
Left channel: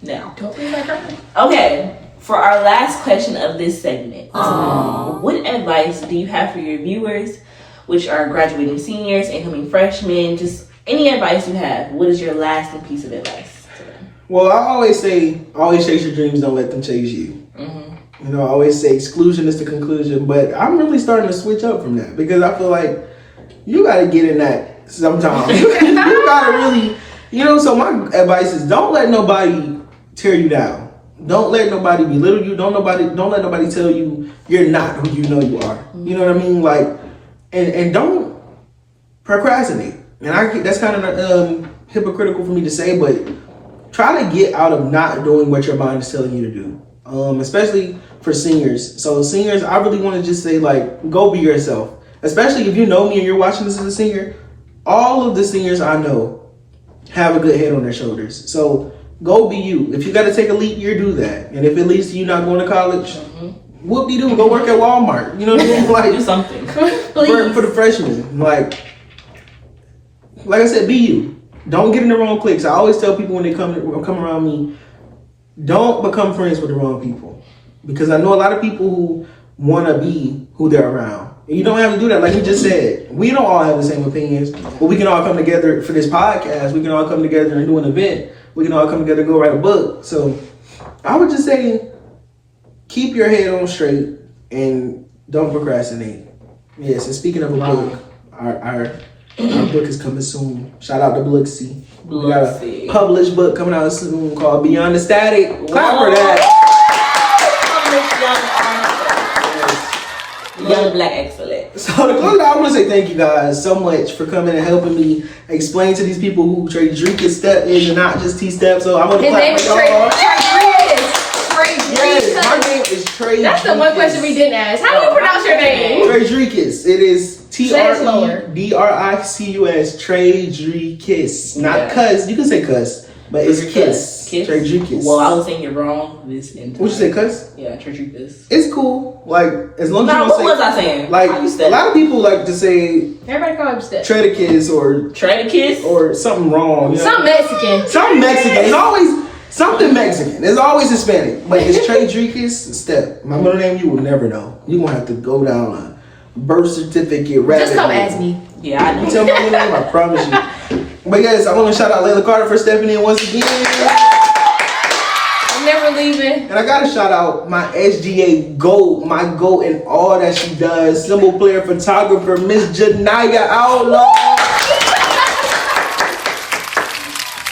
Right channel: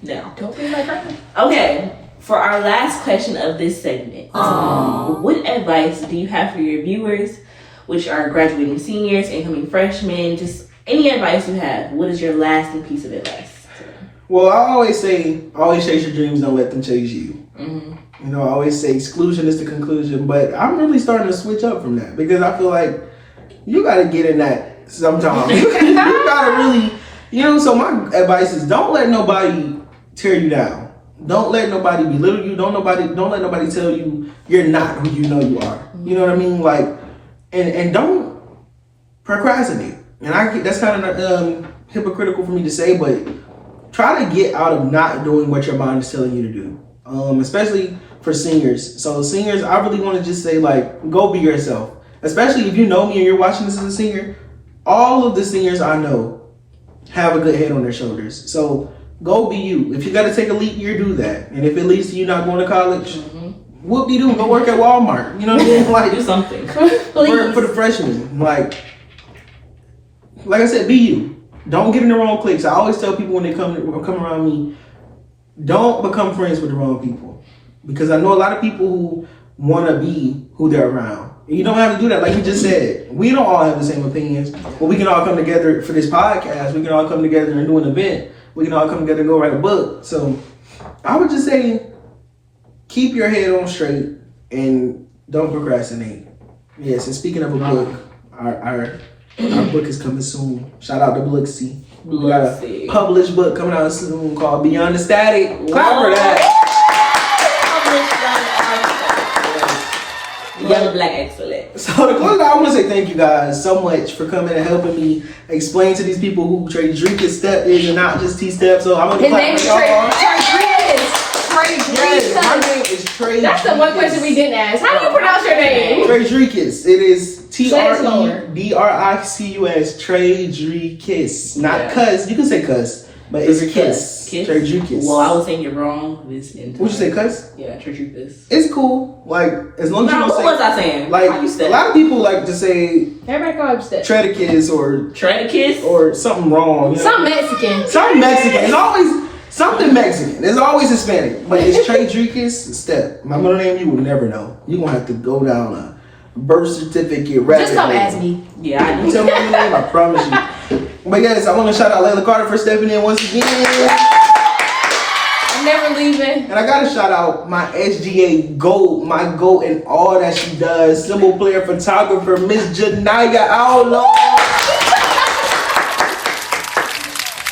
now. Don't be like her. Okay, for our last question of this segment, what advice do you have for your viewers, which are graduating seniors, incoming freshmen, just any advice you have? What is your lasting piece of advice to them? Well, I always say, always chase your dreams, don't let them chase you. You know, I always say exclusion is the conclusion, but I'm really starting to switch up from that because I feel like you got to get in that sometimes. You got to really, you know, so my advice is don't let nobody tear you down. Don't let nobody belittle you. Don't let nobody tell you you're not who you know you are. You know what I mean? Like, and don't procrastinate. And that's kind of hypocritical for me to say, but try to get out of not doing what your mind is telling you to do. Especially for seniors. So seniors, I really want to just say, like, go be yourself. Especially if you know me and you're watching this as a senior. All of the seniors I know have a good head on their shoulders. So go be you. If you got to take a leap year, do that. And if it leads to you not going to college, whoop-de-doo, go work at Walmart. You know what I mean? Like, do something. for the freshmen. Like I said, be you. Don't get in the wrong cliques. I always tell people when they come around me, don't become friends with the wrong people. Because I know a lot of people who want to be who they're around. And you don't have to do that. Like we just said, we don't all have the same opinions, but we can all come together for this podcast. We can all come together and do an event. We can all come together and go write a book. So I would just say, keep your head on straight and don't procrastinate. Yes, and speaking of a book, our book is coming soon. Shout out to Blooksy. We got a published book coming out soon called Beyond the Static. Clap for that. Love Black excellence. So to close out, I want to say thank you guys so much for coming and helping me explain to these people who T.Stepp is and not just T.Stepp. So I'm going to clap for y'all. Yes, my name is Trey. That's the one question we didn't ask. How do you pronounce your name? Tredricus. It is Tredricus. Tredricus. Not cuss. You can say cuss, but it's kiss. Tredricus. Well, I was saying it wrong this entire. Would you say cuss? Yeah, Tredricus. It's cool. Like as long as you don't say. What was I saying? Like a lot of people like to say. Everybody call him Stepp. Tredicus or something wrong. You know? Something Mexican. Something Mexican. It's always. Something Mexican. It's always Hispanic. But it's Tredricus Stepp. My middle name you will never know. You're going to have to go down a birth certificate. Just come ask me. Yeah, I know. Tell me my middle name, I promise you. But yes, I want to shout out Layla Carter for stepping in once again. I'm never leaving. And I got to shout out my SGA GOAT, my GOAT in all that she does. Symbol player, photographer, Miss Janaya Outlaw.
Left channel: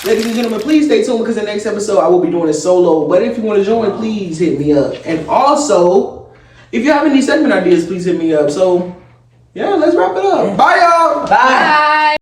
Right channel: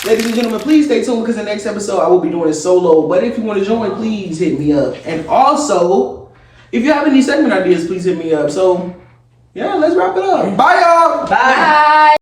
Ladies and gentlemen, please stay tuned because the next episode I will be doing it solo. But if you want to join, please hit me up. And also, if you have any segment ideas, please hit me up. So, yeah, let's wrap it up. Bye, y'all. Bye.